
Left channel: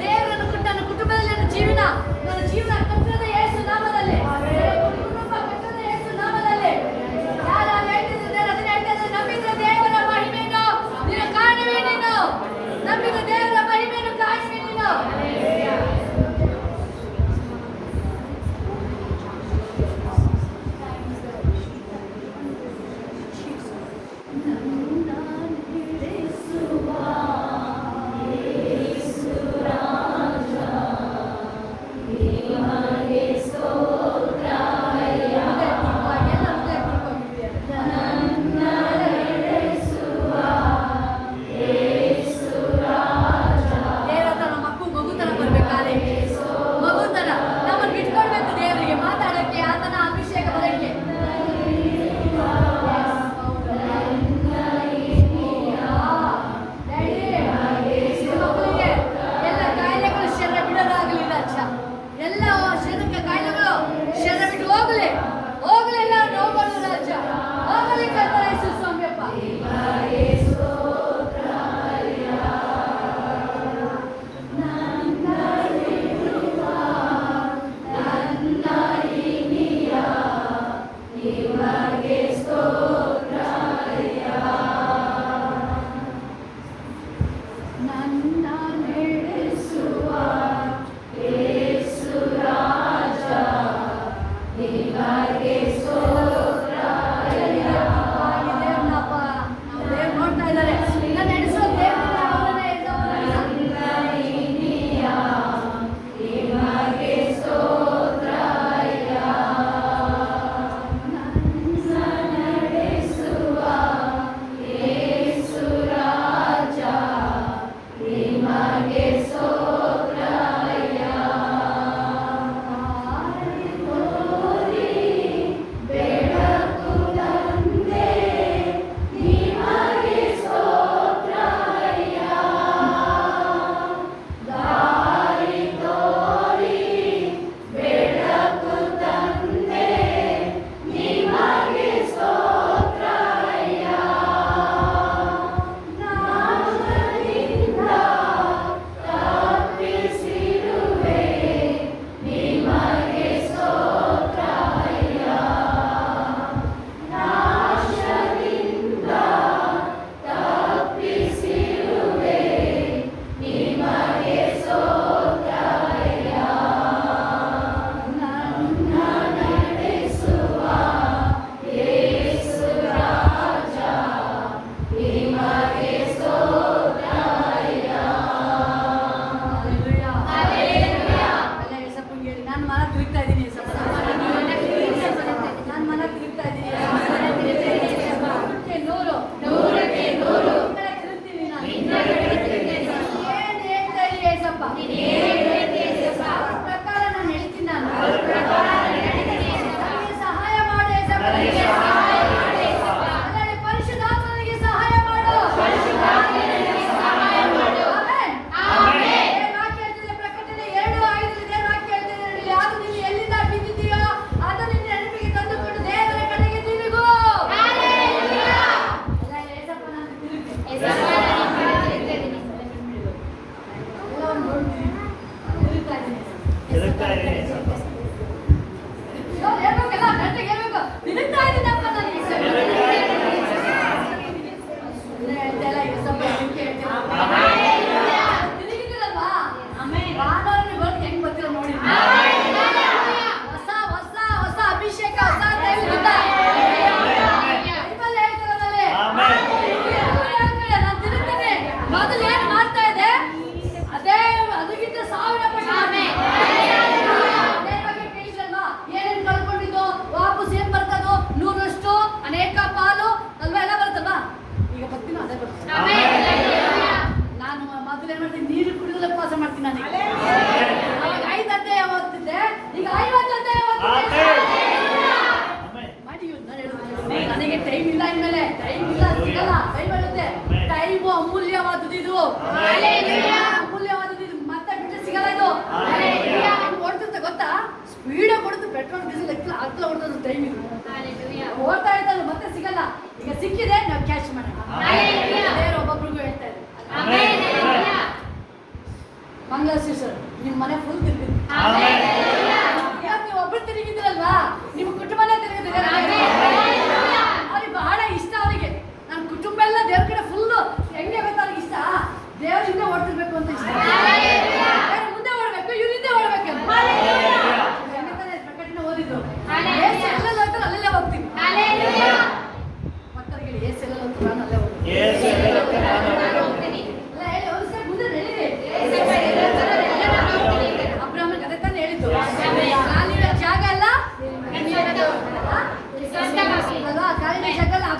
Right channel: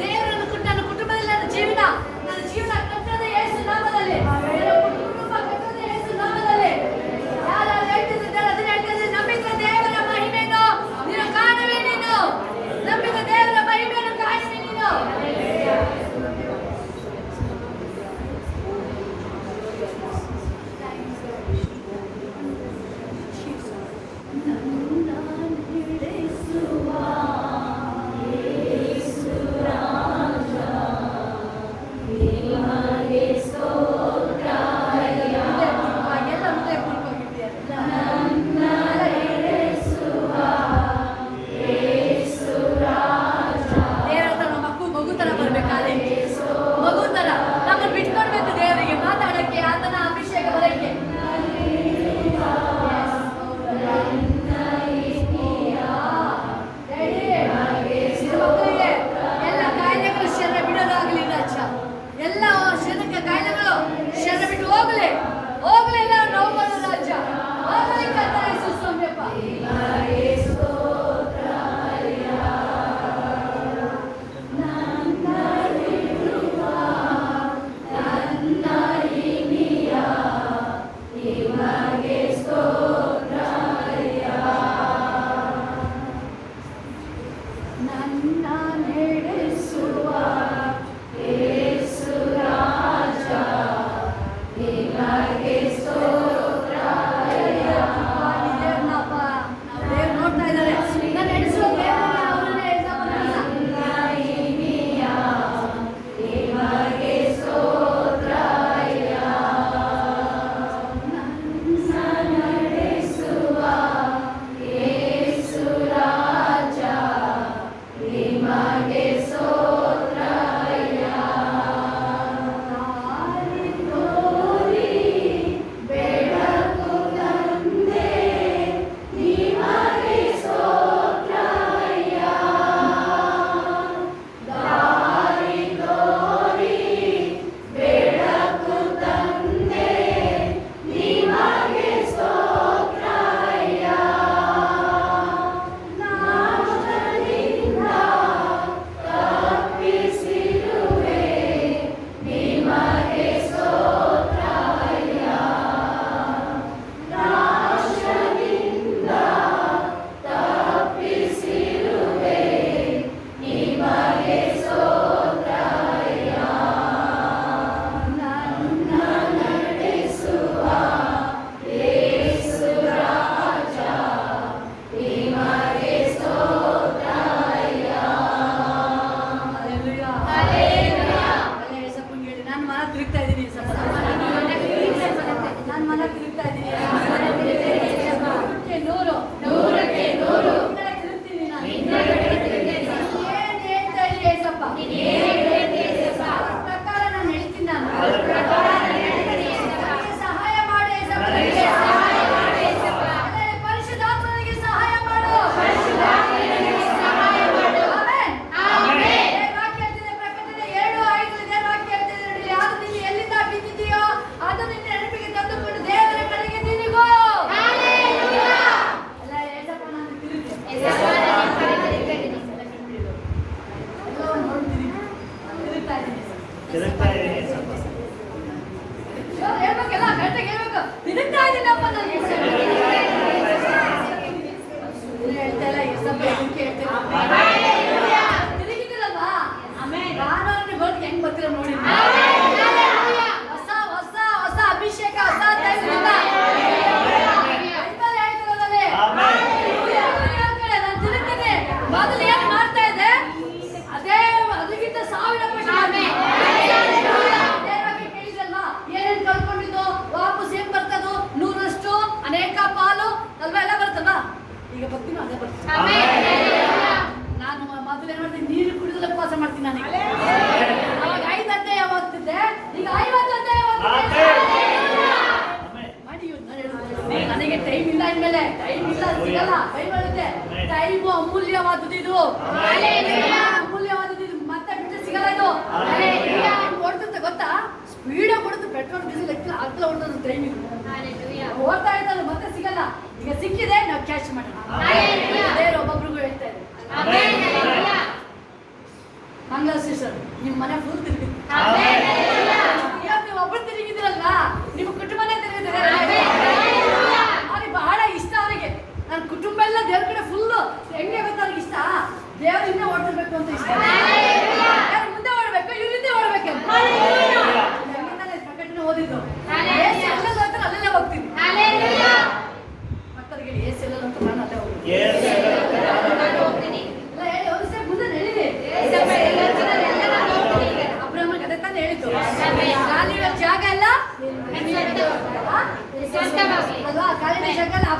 ಮಕ್ಕಳಿಗೆ ಏಸೆಲ್ಲ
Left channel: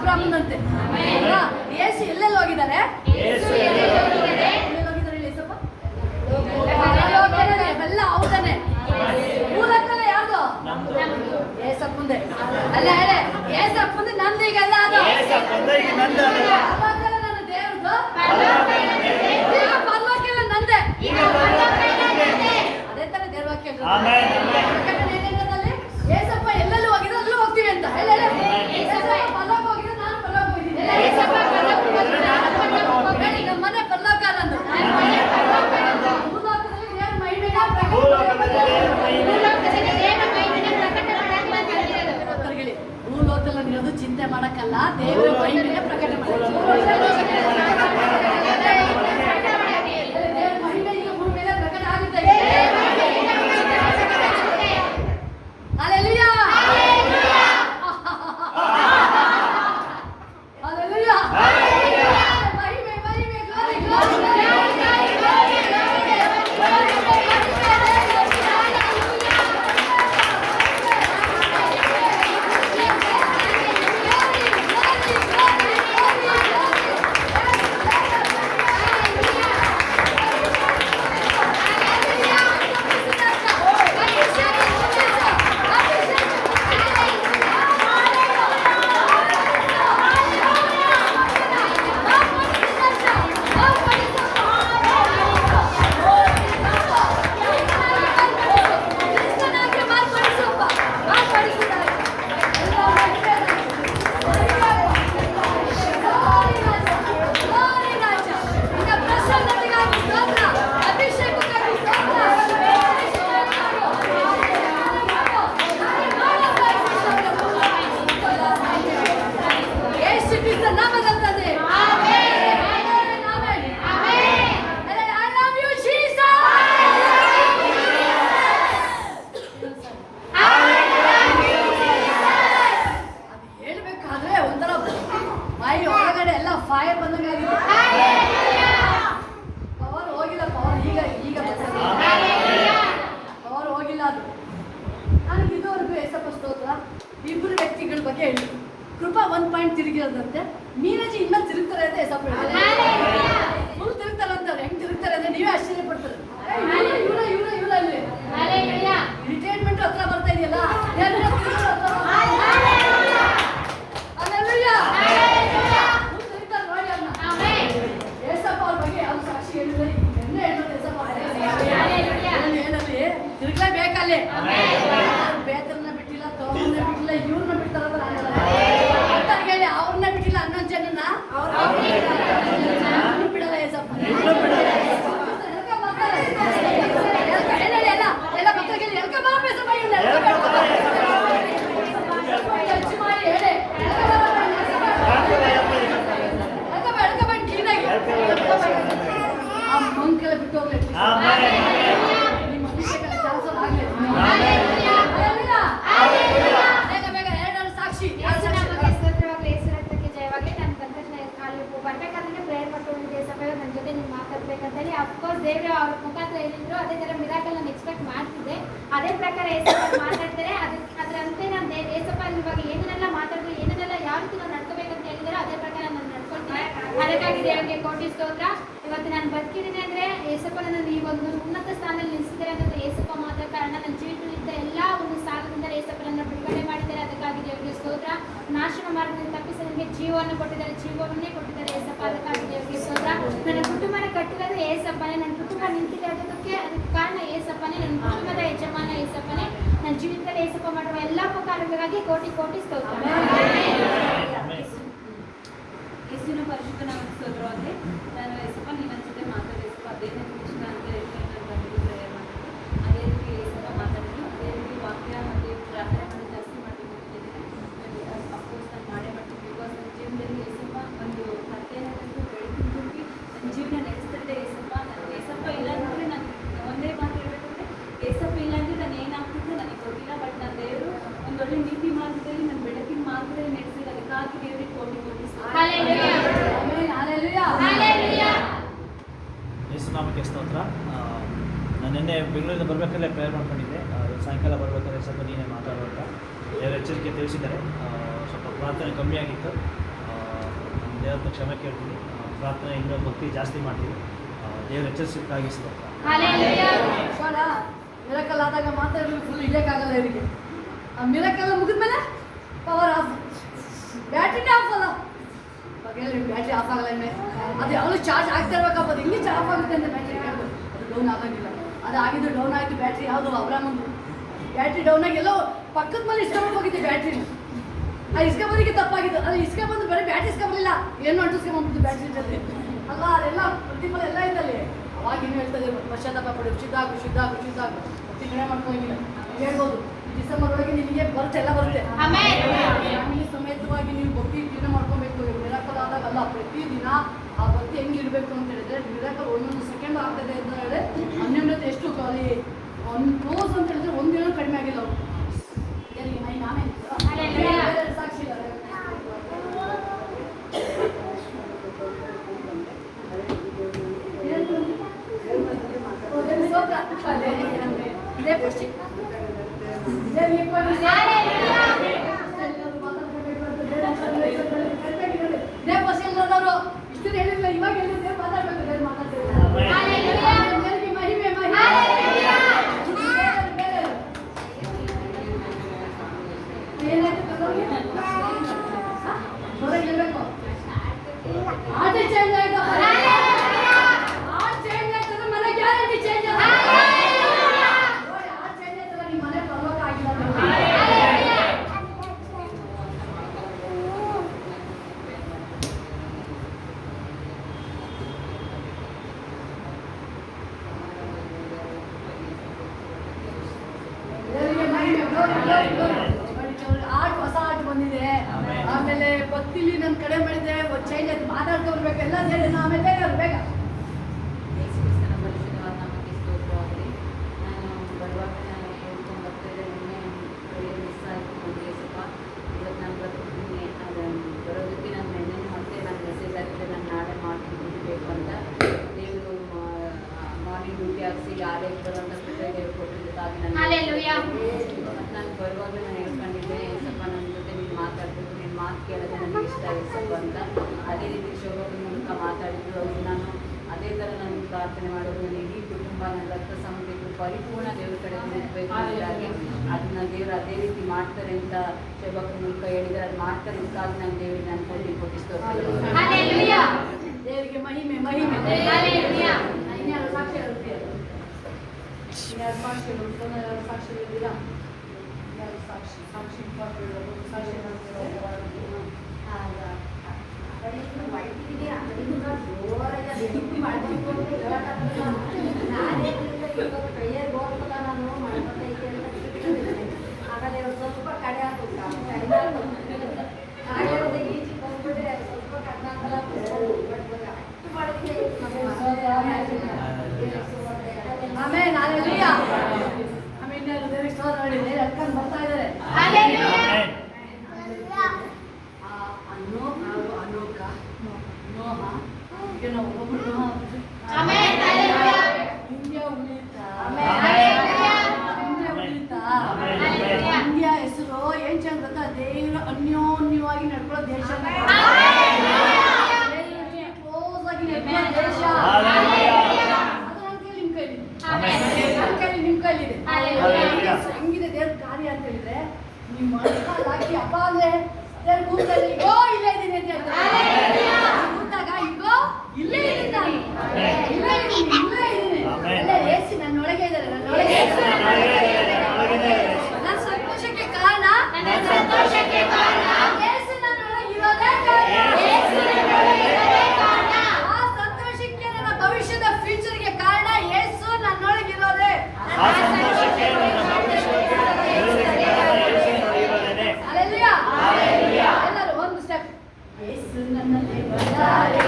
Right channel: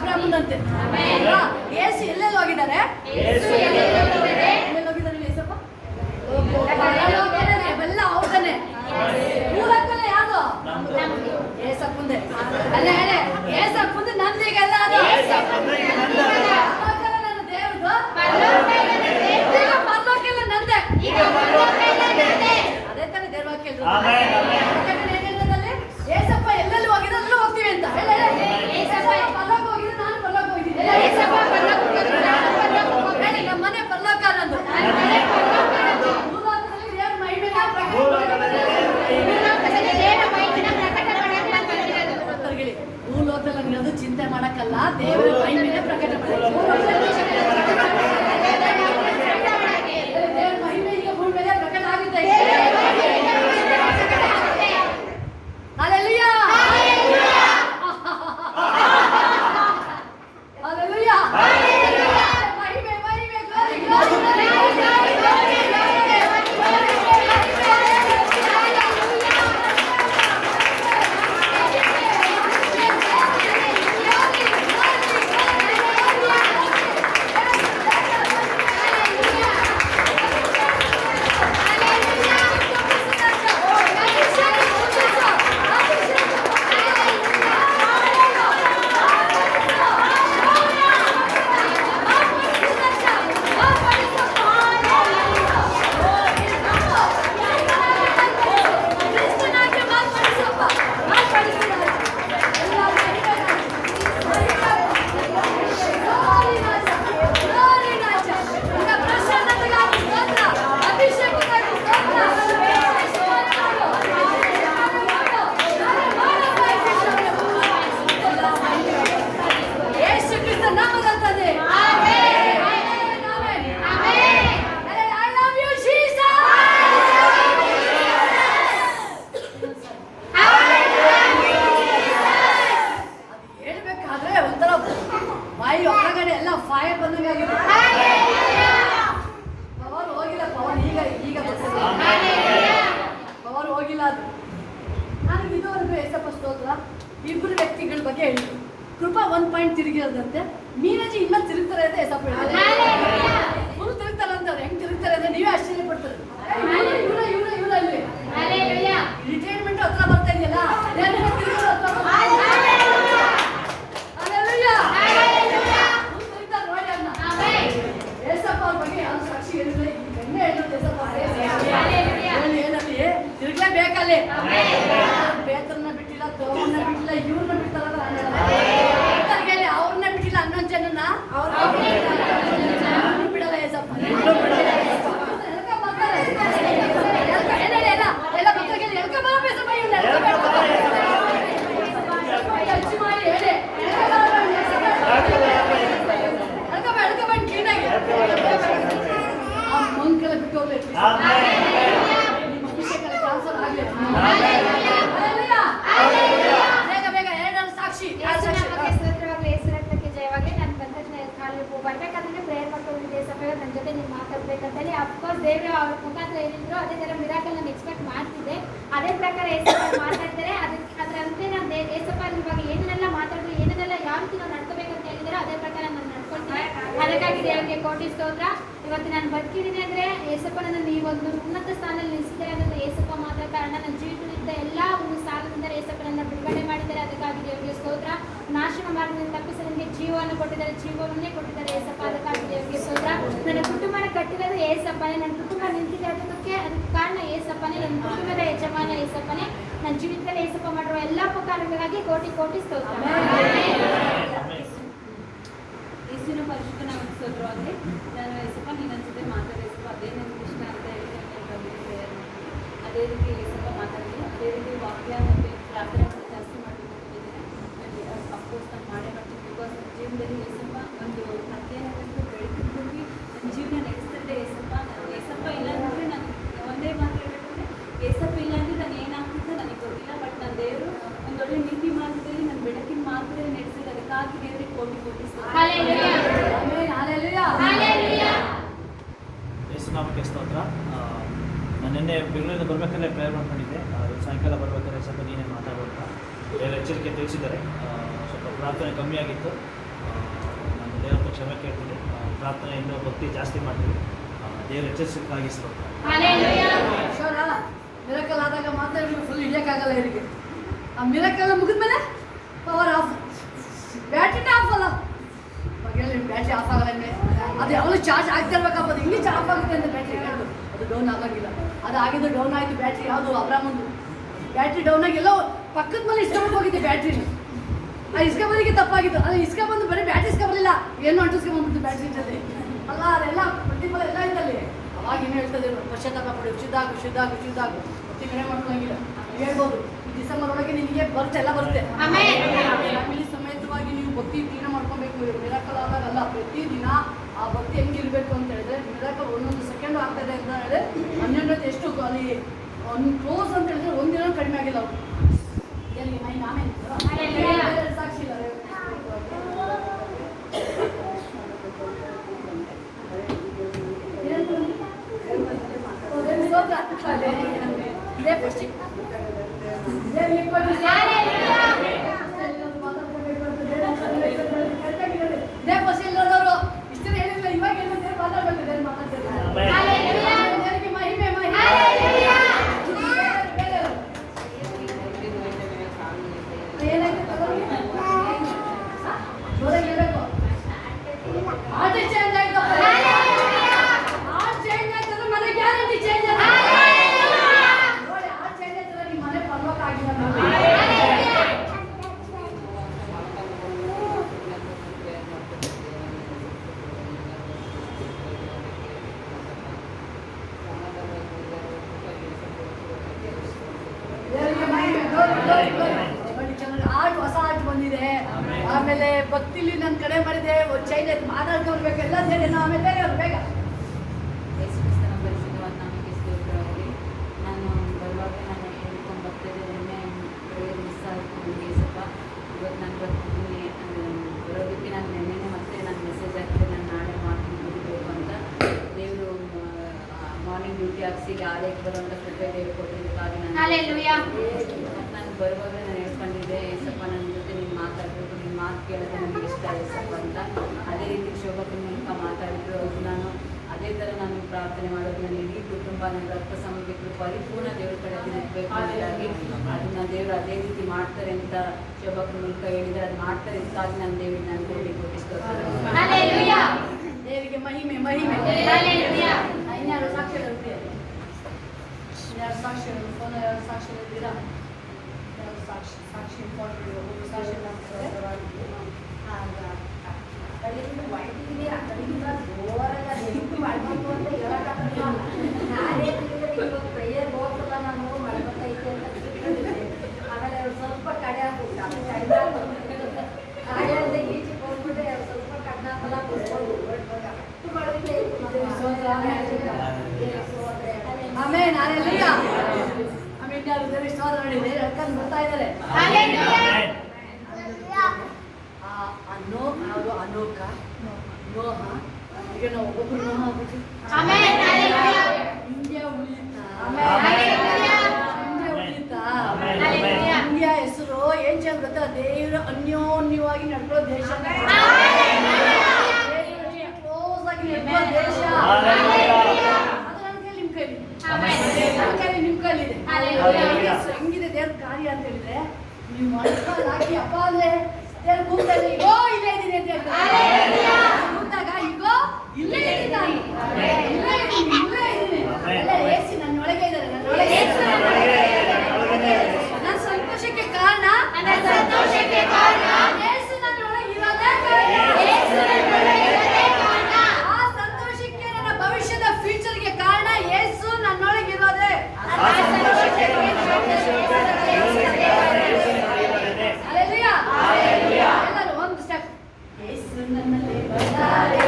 ಅಬ್ರಾಹ್ಮನಂತೆ. ಯೇಸು ಎಲ್ಲೆಲ್ಲಿ ಹೋಗಿದ್ದಾರೆ? ಎಲ್ಲೆಲ್ಲಿ ಹೋಗಿದ್ದಾರೆ ಯೇಸಪ್ಪ? ಪರಲೋಕನೇ, ಇವೆಲ್ಲ ಅವ್ರದನೆ. ಭೂಲೋಕನೇ ಯಾವುದು? ಏಸಪ್ಪಂದೆ. ಅಲ್ಲ ಹೇಳಿ, ಏಸಪ್ಪಂದು ನಂದೀಗೆಲ್ಲ ಅದು. ಪರಲೋಕಲ್ಲ ನನ್ನ ದೇವ್ರದು, ಈಗ ಪರಲೋಕೆಲ್ಲ ನಂದೆ. ಅದೇ ತರ ದೇವ್ರ ವಾಕ್ಯ ಏನೇನಲ್ಲಿ ಏಸಪ್ಪ ಎಲ್ಲೆಲ್ಲಿ ಹೋಗಿದ್ರೆ ಅಲ್ಲೂ ಹೋಗ್ತೀವಿ ಅಂತ ಹೇಳಿ. ಪರಲೋಕ ಹೋಗಿದ್ರೆ ನಾನು ಪರಲೋಕ ಹೋಗಿದ್ದೀನಿ. ಹೇಳಿ, ನಮ್ಮ ಮನೆ ಪರಲೋಕ ನಂದು. ಭೂಲೋಕದಲ್ಲಿ ದೇವ್ರ ಮಹಿಮೆನ ಹೇಳಿ. ಭೂಲೋಕದಲ್ಲಿ ಅನ್ನೋದು ಚಿಂತೆ ಮಾಡಕ್ಕಲ್ಲ, ದೇವರ ಮಹಿಮೆನ ಪ್ರಕಟ ಮಾಡಿ. ದೇವರ ಮಹಿಮೆ ಈಗ ಭೂಮಿ ಮೇಲೆ ಪ್ರಕಟ ಆಗುತ್ತೆ. Hallelujah! Hallelujah! ಮಹಿಮೆ ಮಹಿಮೆ glory glory glory glory glory fire ಬಂದಂಗಾಗಿದೆ. ಪವರ್ ಹೋಗಿಲ್ಲ, ಪವರ್ ಈಗ ಬರ್ತದೆ. ಪವರ್ ಹೋಗಿಲ್ಲ. ಅದು ನನಗೆ ಇದುವರೆಗೂ ಏಸಪ್ಪ ಸ್ತೋತ್ರ ಇಬ್ಬರು ವ್ಯಕ್ತಿಗಳ ಬಗ್ಗೆ ಹೇಳಿ. ಕೃಪಾ 1 ಪಾಯಿಂಟ್ ತಿರುಗಿರೋದಂತೆ, ಮೀನಾಜಿ ಇನ್ನೂ ತಿರುಗ್ತಾರೆ ಅಂತ ಏಸಪ್ಪ ಹೇಳಿದ್ರು. ಫುಲ್ ತಿರುಗ್ತಾರೆ ಅಂತಾರೆ. ಹೆಂಗ್ ತಿರುಗ್ತಾರೆ ಅಂದ್ರೆ ನೀವೇ ಆಶ್ಚರ್ಯ ಪಡ್ತಾರೆ. ಇವ್ರ ಅಲ್ಲಿ ರಿಟೈರ್ಮೆಂಟ್ ಹತ್ರ ಬರ್ತಾ ಇದೆಯಲ್ಲ, ತಿರುಗಲೇಬೇಕಲ್ಲಿ. ಬೇತರನ್ನ ಬಿಟ್ಟಿಲ್ಲ, ತೋರನ್ನ ಬಿಟ್ಟಿಲ್ಲ, ಇವ್ರನ್ನ ಬಿಡ್ತಾರ ಹೇಳಿ. ಅವ್ರನ್ನ ಬಿಟ್ಟಿಲ್ಲ, 11 ಜನನ ಬಿಡಲ್ಲ ಏಸಪ್ಪ. ಎಲ್ಲ ಮಕ್ಕಳಿಗೆ ಎಳ್ಕೊಬೇಡಿ ಕ್ಲೀನಾಗಿ. ಆ ಮಂಕೆಲ್ಲ ಬಿಟ್ಟು ಹೋಗ್ಬೇಕು. ನಿಮ್ಮ ಅಭಿಷೇಕ ಟ್ರಾನ್ಸ್ಫರ್ ಆಗಲಿ. ಬೇಗ ಬೇಗ 2 ಸಾಕ್ಷಿ. ಬರ್ಬೇಕಾದ್ರೆ ಪ್ರೇಯರ್ ಮಾಡ್ಕೊಂಡಿದ್ದೆ ಸಕಾಲ ನನ್ನ ಜೊತೆ ನೀವು ಮಾತಾಡ್ಬೇಕಂತೇಳಿ. ಅಫ್ಕೋರ್ಸ್ ದೇವರು ಅವ್ರ ಮುಖಾಂತರ ಏನಿದ್ರು ಅದೇ ಥರ ಮಿರಾಕಲ್ ನಾನು ಎಕ್ಸ್ಪೆಕ್ಟ್ ಮಾಡ್ತಿದ್ದೆ. ಅದೇ ಪ್ರಕಾರ ಏಸಪ್ಪ ಮಾತಾಡ್ತಾರೆ. ಅದರಂತೆ ನಾನು ಏಸಪ್ಪ ಇವಾಗ ಏನೇನೆಲ್ಲ ಮಾತಾಡಿದ್ರೆ, ಏನೇನೆಲ್ಲ ಯಾವ ರೀತಿ ನಾವು ನಡ್ಕೋಬೇಕಂತ ಹೇಳಿದ್ರೆ ಅದೇ ಪ್ರಕಾರ ನಾನು ನಡ್ಕೊಳ್ತೀನಿ. ಅದಕ್ಕಾಗಿ ದೇವರಿಗೆ ಕೋಟಿ ಸ್ತೋತ್ರ. ಇವತ್ತು ನಾನು ಬದುಕಿದ್ದೀನಿ ಅಂದರೆ ಏಸಪ್ಪ ನನ್ನ ಈ ಒಂದು ಉನ್ನತ ಸ್ಥಾನದಲ್ಲಿ ನಿಲ್ಲಿಸಿದ್ದಾರೆ ಅನ್ನೋದು ಏಸಪ್ಪ ಮಾತ್ರ ಕಾರಣ. ನನ್ನ ಜೀವಿತದಿಂದ ಎಲ್ಲ ಒಂದು ಸಾಲದಿಂದ ಏಸಪ್ಪ ನನ್ನ ಬಿಡುಗಡೆ ಮಾಡಿದ್ದಾರೆ. ಅದಕ್ಕಾಗಿ ದೇವರಿಗೆ ಸ್ತೋತ್ರ. ನಾಶನ ಮಾಡಿದ್ರೆ ತಪ್ಪಿಸಿ ನನಗೆ ಜೀವವನ್ನು ಕೊಟ್ಟಿದ್ದಾರೆ, ಜೀವವನ್ನೇ ಕೊಟ್ಟಿದ್ದಾರೆ ಏಸಪ್ಪ. ಅದಕ್ಕಾಗಿ ದೇವರಿಗೆ ಸ್ತೋತ್ರ. ನನ್ನ ಕುಟುಂಬನ ಕಟ್ಟಿರೋದು ಏಸಪ್ಪನೇ. ನನ್ನ ಕುಟುಂಬ ನಿಂತಿದೆ ಅದಕ್ಕೆ ಕಾರಣ ಏಸಪ್ಪನೇ. ನನ್ನ ಕುಟುಂಬದ ಯಜಮಾನ ಏಸಪ್ಪನೇ. ನನ್ನ ಜೀವಿತದಲ್ಲಿ ಏಸಪ್ಪ ಮಾಡುವ ಎಲ್ಲ ಉಪಕಾರಗಳಿಗಾಗಿ ಕೋಟಿ ಕೋಟಿ ಸ್ತೋತ್ರ. ಯೇಸುವಿನ ಪರಿಶುದ್ಧ ನಾಮಕ್ಕೆ ಸ್ತೋತ್ರವಾಗಲಿ. ನಾನು ಏಸಪ್ಪ ನಿನ್ನ ಜೊತೆ ಮಾತಾಡಿಸಪ್ಪ ಅದೇ ನನ್ನ ಕೃಷ್ಣ ಅಂತ ಹೇಳಿ ನಾನು ಬಂದಿದ್ದೆ. ಅದೇ ರೀತಿ ಏಸಪ್ಪ ಮಾತಾಡಿದ್ದೀನಿ. ಅದೇ ರೀತಿ ವಾಕ್ಯ ಮತ್ತು ಪ್ರಾರ್ಥನೆ ಜಾಸ್ತಿ ಮಾಡಿಕೊಂಡಿದ್ದೀನಿ. ಅಫ್ಕೋರ್ಸ್ ನಾನು ಮಾಡೇ ಮಾಡ್ತೀನಿ. ಬಿಕಾಸ್ ನನ್ನ ಜೀವನದಲ್ಲಿ ಏಸಪ್ಪ ಒಂದು ಕಥೆಯನ್ನು ಬೆಳಕಿಂದು ನನ್ನ ಜೀವನ ನಡೆಸ್ತಿದ್ದೆ ಏಸಪ್ಪ. ನಾನು ಏಸಪ್ಪ ಇಲ್ಲಾಂದರೆ ನಾನು ಒಂದೇ ಮಾತು ಹೇಳ್ಬೇಕಂದ್ರೆ ಏಸಪ್ಪ ಇಲ್ಲಾಂದರೆ ನಾನು ಏನಾಗ್ತಿದ್ದೆ ನನಗೆ ಗೊತ್ತಿಲ್ಲ. ಬಟ್ ನನ್ನ ದೇವರು ಒಂದೊಳ್ಳೆ ನೀತಿ ಮಾರ್ಗದಲ್ಲಿ ನನ್ನ ಬೆಳಕಿನ ಮಾರ್ಗದಲ್ಲಿ ನಡೆಸಿದ್ರೆ ಅದಕ್ಕಾಗಿ ದೇವರಿಗೆ ಕೋಟಿ ಕೋಟಿ ಯೇಸುನಾಮಕ್ಕೆ ಸ್ತೋತ್ರ. ನಾನು ನಿನ್ನೆ ಬೆಂಗಳೂರಿಂದ ಬರಬೇಕಲ್ಲೇ ಪ್ರೇಯರ್ ಮಾಡ್ಕೊಂಡಿದ್ದೆ. ಸಾಯಂಕಾಲ ಬರಬೇಕಾದ್ರೆ ಸ್ವಲ್ಪ ನೀನೇ ಮಾತಾಡುವಂತ ದೇವರ ಎಚ್ಚರಿಕೆ ತಿಳಿಸಿದ್ದಾರೆ. ಸ್ವಲ್ಪ ಪ್ರಾರ್ಥನೆ ಕಮ್ಮಿ ಆಗಿತ್ತು. ಅಂತ ಕ್ಷಮೆ ಕೇಳ್ತೀನಿ. ಪ್ರಾರ್ಥನೆ ಇನ್ನೂ ಭಕ್ತಿ ಜಾಸ್ತಿ ಮಾಡ್ತೀವಿ. ದೇವ್ರ ಎಚ್ಚರಿಸಕ್ಕಾಗಿ ಸ್ತೋತ್ರ. ಶೋರ ಮಿರಕಲ್ ಆದಾಗ ಮಾತಾಡ್ಬೇಕು, ಫುಲ್ ಇಳಿಯೋಕ್ಕಾಗಲ್ಲ ಇವರಿಗೆ. ಆ ಮಿರಕಲ್ ಮುಗಿದ್ಮೇಲೆ ಪವರ್ ಆಫ್, ಬ್ಯಾಟ್ರಿನೇ ಆಫ್ ಅಲ್ಲ. ಬ್ಯಾಟ್ರಿ ಆಫ್ ಆಗಲ್ಲ ಹಿಂಗೆ, ಅದು ಯಾವಾಗಲೂ ಚಾರ್ಜ್ ಆಗ್ತಾ ಇರ್ಬೇಕಪ್ಪ. ಅದು ಹಿಂಗೆ ಆಫ್ ಆಗುತ್ತೆ ಅಂತ ಬ್ಯಾಟ್ರಿ ಅದು ಡೌನ್ ಆಗೋಂಗಿಲ್ಲ. ಅದು ಆಗಿದ್ದು ಡೌನ್ ಆಯಿತು ಬ್ಯಾಟ್ರಿ. ಯಾವುದು ಅಬ್ರಾಮಂದು ಬ್ಯಾಟ್ರಿ ಡೌನ್ ಆಗಿ ಎಲ್ಲೋ ಪಕ್ಕದ ಮೇಲೆ ಇಸ್ಕೊಂಡ್ಬಿಟ್ಟು ಹೋಗಿದ್ದೆ ಬ್ಯಾಟ್ರಿನ. ಆ ಇಸ್ಕೊಂಬಂದಿಗೆ ತಪ್ಪಾಗಿದ್ದು. ಅದು ಇಸ್ಕೊಂಬಂದು ಬರೀ ಬ್ಯಾಟ್ರಿ ಇಸ್ಕೊಂಬರಲಿಲ್ಲ, ಏನು ಅಂಟಿಸ್ಕೊಂಬಂದ್ಬಿಟ್ಟು ಬ್ಯಾಟ್ರಿ ಜೊತೆ ಅಲ್ಲ. ಅದೆಲ್ಲ ಪ್ರತಿಫಲ ಎಲ್ಲ ಇದ್ದಲ್ಲಿ. ಅವಾಗ ಏನು ಹೇಳ್ತದೆ, ಪಶ್ಚಾತ್ತಾಪ ಪಡಿ, ಶುದ್ಧಾಗು ಶುದ್ಧಾಗು ಶುದ್ಧಾಗು. ಪ್ರತಿ ಕಡೆ ಮಾಡ್ಕೊಳ್ಳೋಂಗಿಲ್ಲ. ಹೇಳ್ಬೋದು ಡಿಸೆಂಬರ್ ಒಳಗೆ ನಿಮಗೆ ಬರುತ್ತೆ, ಎಲ್ಲ ಬರುತ್ತೆ. ಫ್ಯಾಮಿಲಿ ಸಮೇತವಾಗಿ ನೀವು ಭಕ್ತಿ ಕ್ಲೀನ್ ಮಾಡ್ಕೊಬೇಕು. ಮಿರಾಕಲ್ ಆದಾಗ ಅಲ್ಲ, ಪ್ರತಿದಿನ ಆ ಭಕ್ತಿ ಹೆಂಗಿರ್ಬೇಕು ಅಂತ ಹೇಳಿದ್ರೆ, ಮಿರಾಕಲ್ ಒಂದೊಂದು ಸೆಕೆಂಡ್ ಆಗ್ತದೆ ಅಂತ ಹೇಳಿದ್ರೆ ಅನ್ಯೋನ್ಯತೆ ಎಷ್ಟು ಅಲ್ಲಿ ಒಂದು ಕ್ಲೋಸ್ ಅಂತ ಹೇಳಿದ್ರೆ ಒಂದಿನ ಕಡಿಮೆ ಆಗಿಲ್ಲ ಅವರು. ಸಾಕ್ಷಿ ಇಲ್ಲ. ಇಷ್ಟು ಹೇಳಿಲ್ಲ, ಇವಾಗ ಹೇಳಿದ್ರೆ ಮಾತಾಡ್ಬೇಕು, ಮಾತಾಡ್ತಾರೆ. ಮಹಿಮೆ ಏನಾಯ್ತು ಆಟೆ ಚೇಂಜ್ ಆಯ್ತು. ಆ ಚೇಂಜ್ ಆಯ್ತಂದ್ರೆ ಮನೆ ಗ್ಯಾರಂಟಿ ಚೇಂಜ್ ಆಗ. ಆ ಚೇಂಜ್ ಆಯ್ತಲ್ಲ ನಿಮ್ಮ ಮನೆ ಪರ್ವಕ ಆಗಿಲ್ಲ. ಆಗಿ ಹೊಸ ಆಗಿ ಬಂದಿದೆ. ಆಮೇಲೆ ಭಕ್ತಿಲಿ ನನ್ನ ಕಡೆ ಮಾಡಿದೆ, ಚೇಂಜ್ ಆಯ್ತು, ಮಾತಾಡ್ಕೊಳ್ಬೇಕು, ಎಲ್ಲ ಸೇರಿ ಆಮೇಲೆ ಅವ್ರು ಬೇಗ ನಾನು ಬರುವಾಗ ನಾನು ಹೇಳ್ಕೊಂಡು ಬರ್ತಿದ್ದೆ, ಒಮ್ಮೆ ಮಿಸ್ ಆಯಿತು ನನಗೆ ಸ್ವಲ್ಪ. ಇವತ್ತು ನಾನು ಬರ್ತಿದ್ದೀನಿ, ಬರೋದಕ್ಕೆ ನಾನು ನೆನ್ನೆನೇ ಮತ್ತೆ ನಾನು ಮೆಸೇಜ್ ಹಾಕಿದೆ, ನಾನು ನಾಳೆ ಮಾಡ್ತೀನಿ ಬೇಕು ಅಂತ. ದೇವರು ಮಾರ್ನಿಂಗ್ ಡ್ಯೂಟಿ ಹಾಕ್ಸಿ ಆಲಯಕ್ಕೆ ಬರುವಂಥ ಕೃಪೆ ದೇವರು ಕೊಟ್ಟಿದ್ದಕ್ಕಾಗಿ ನಾನು ಮತ್ತು ನಾನು ಬರುವಾಗಲೇ ನಾನು ಹೇಳ್ಕೊಂಡಿದ್ದೆ, ಸ್ವಲ್ಪ ನನ್ನ ಜೊತೆ ನೀನು ಮಾತಾಡಬೇಕು, ನಿನ್ನ ಮಾತು ಕೇಳೋದು ನನಗೆ ಇಷ್ಟ ಸ್ವಲ್ಪ ಅಂತ. ಅದೇ ರೀತಿ ಶೋಭಕಿನ ಮೂಲಕ ಮಾತಾಡಿದ್ರು. ಅದು ನಾನು ಅದೇ ಥರ ನಾನು ಪ್ರಾರ್ಥನೆ ಮಾಡೋದು, ನನ್ನ ಇಡೀ ಕುಟುಂಬ, ನನ್ನ ರಕ್ತ ಸಂಬಂಧಿಕರು ಪರಿಪೂರ್ಣ ದೇವ್ರ ಕಡೆ ನಿಲ್ಬೇಕು ಅನ್ನೋದಾಗಿ ಅದನ್ನ ದೇವರು ಅದೇ ರೀತಿ ಮಾಡ್ತಾರೆ ಅಂತ ಶೋಭಕಿನ ಮೂಲಕ ಹೇಳಿದರೆ, ಅದು ಮಾಡ್ತಾರೆ ಅಂತಾಗಿ ನಾನು ದೇವರಿಗೆ ನಾನು ಕೊಟ್ಟಿಸ್ತೇನೆ. ದೇವರಿಗೆ ಮಹಿಮೆ. ಇನ್ಯಾರು ಸಾಕ್ಷಿಗಳು ಫೋನ್ ಸಾಕ್ಷಿ ಇದ್ದೀರಾ? ಸಾಕ್ಷಿ ಸಾಕ್ಷಿ ಪ್ರೇಯರ್ ಬೋರ್ಸಲ್ಲ ನಾನು ಮಾಡ್ಕೊತೈತೆ ಅಂತ ಆಮೇಲೆ ಅವ್ರು ಸ್ವಲ್ಪ ಕಡೆ ಹಾಕ್ಬಿಟ್ಟು ಆಮೇಲೆ ಈಚೆ ಹೋಗ್ಬಿಟ್ಟು ಅವ್ರು ಸ್ವಲ್ಪ ಕಡೆ ಹಾಕಲ್ಲ ಆಮೇಲೆ ನಾನೆಲ್ಲಿಯ ಆಮೇಲೆ ದೇವರಿಗೆ ಸ್ತೋತ್ರ ಮಾಡಿದೆ, ಅಡ್ಕೊಂಡು ಬರ್ತಾ ಇದ್ದಾರೆ. ಅನೋಕ ನೋಹ, ಈಗ ನಾವು ಒಬ್ಬೊಬ್ರು ನೋಹ ಆಗ್ಬಿಟ್ಟು ಇಂಡಿಯಾ ಉಳಿತಾ, ಇಂಡಿಯಾ ಹೆಸರು ಏನ್ ಚಂದ ಗೊತ್ತಾ, ದೇವರು ಅನ್ಯೋನ್ಯವಾಗಿ ನಡ್ಕೊಳ್ಳೋ ದೇಶ, ಕ್ಲೋಸ್ ಆಗಿ ನಡ್ಕೊಳ್ಳೋ ದೇಶ. ನಿಮ್ ಕೈಲಿದೆ. ಹೆಂಗಿದೆ ದೇವ್ರ ಕಾರ್ಯ ಅಂತ ಹೇಳಿದ್ರೆ, ನೀವು ಹಾಕಿ ಅಪ್ಪ ಅಂದ್ರೆ ದೇವ್ರ ಕೂತಾಗ ಈಗೋ ಇಲ್ಲೇ ಇದ್ದೀನಿ ಅಂತ ಹೇಳ್ತಾರೆ. ಕೂತಾಗ ಈಗೋ ಇಲ್ಲೇ ಇದ್ದೀನಿ ನಾನು, ಇಲ್ಲೇ ಇದ್ದೀನಿ. ಅಲ್ಲೇ ಏಸಿ ನನ್ನೊಳಗೆ ಇದ್ದಾರೆ, ನನ್ನೊಳಗೆ. ನನ್ನ ಸಂತೋಷಕ್ಕೆ ಕಾರಣ ಏಸು ನನ್ನೊಳಗೆ ಇರೋದೇ ಕಾರಣ. ಆ ಸಂತೋಷಕ್ಕೆ ನನ್ನ ಭವಿಷ್ಯದ ಫ್ಯೂಚರ್ಗೆ ಕಾರಣ ಏಸು ನನ್ನೊಳಗಿರೋದೇ. ಎಲ್ಲರೂ ಒಂದು ಸ್ಟೆಪ್. ಏಸು ನನ್ನಲ್ಲಿ ಬಂದಾರೆ.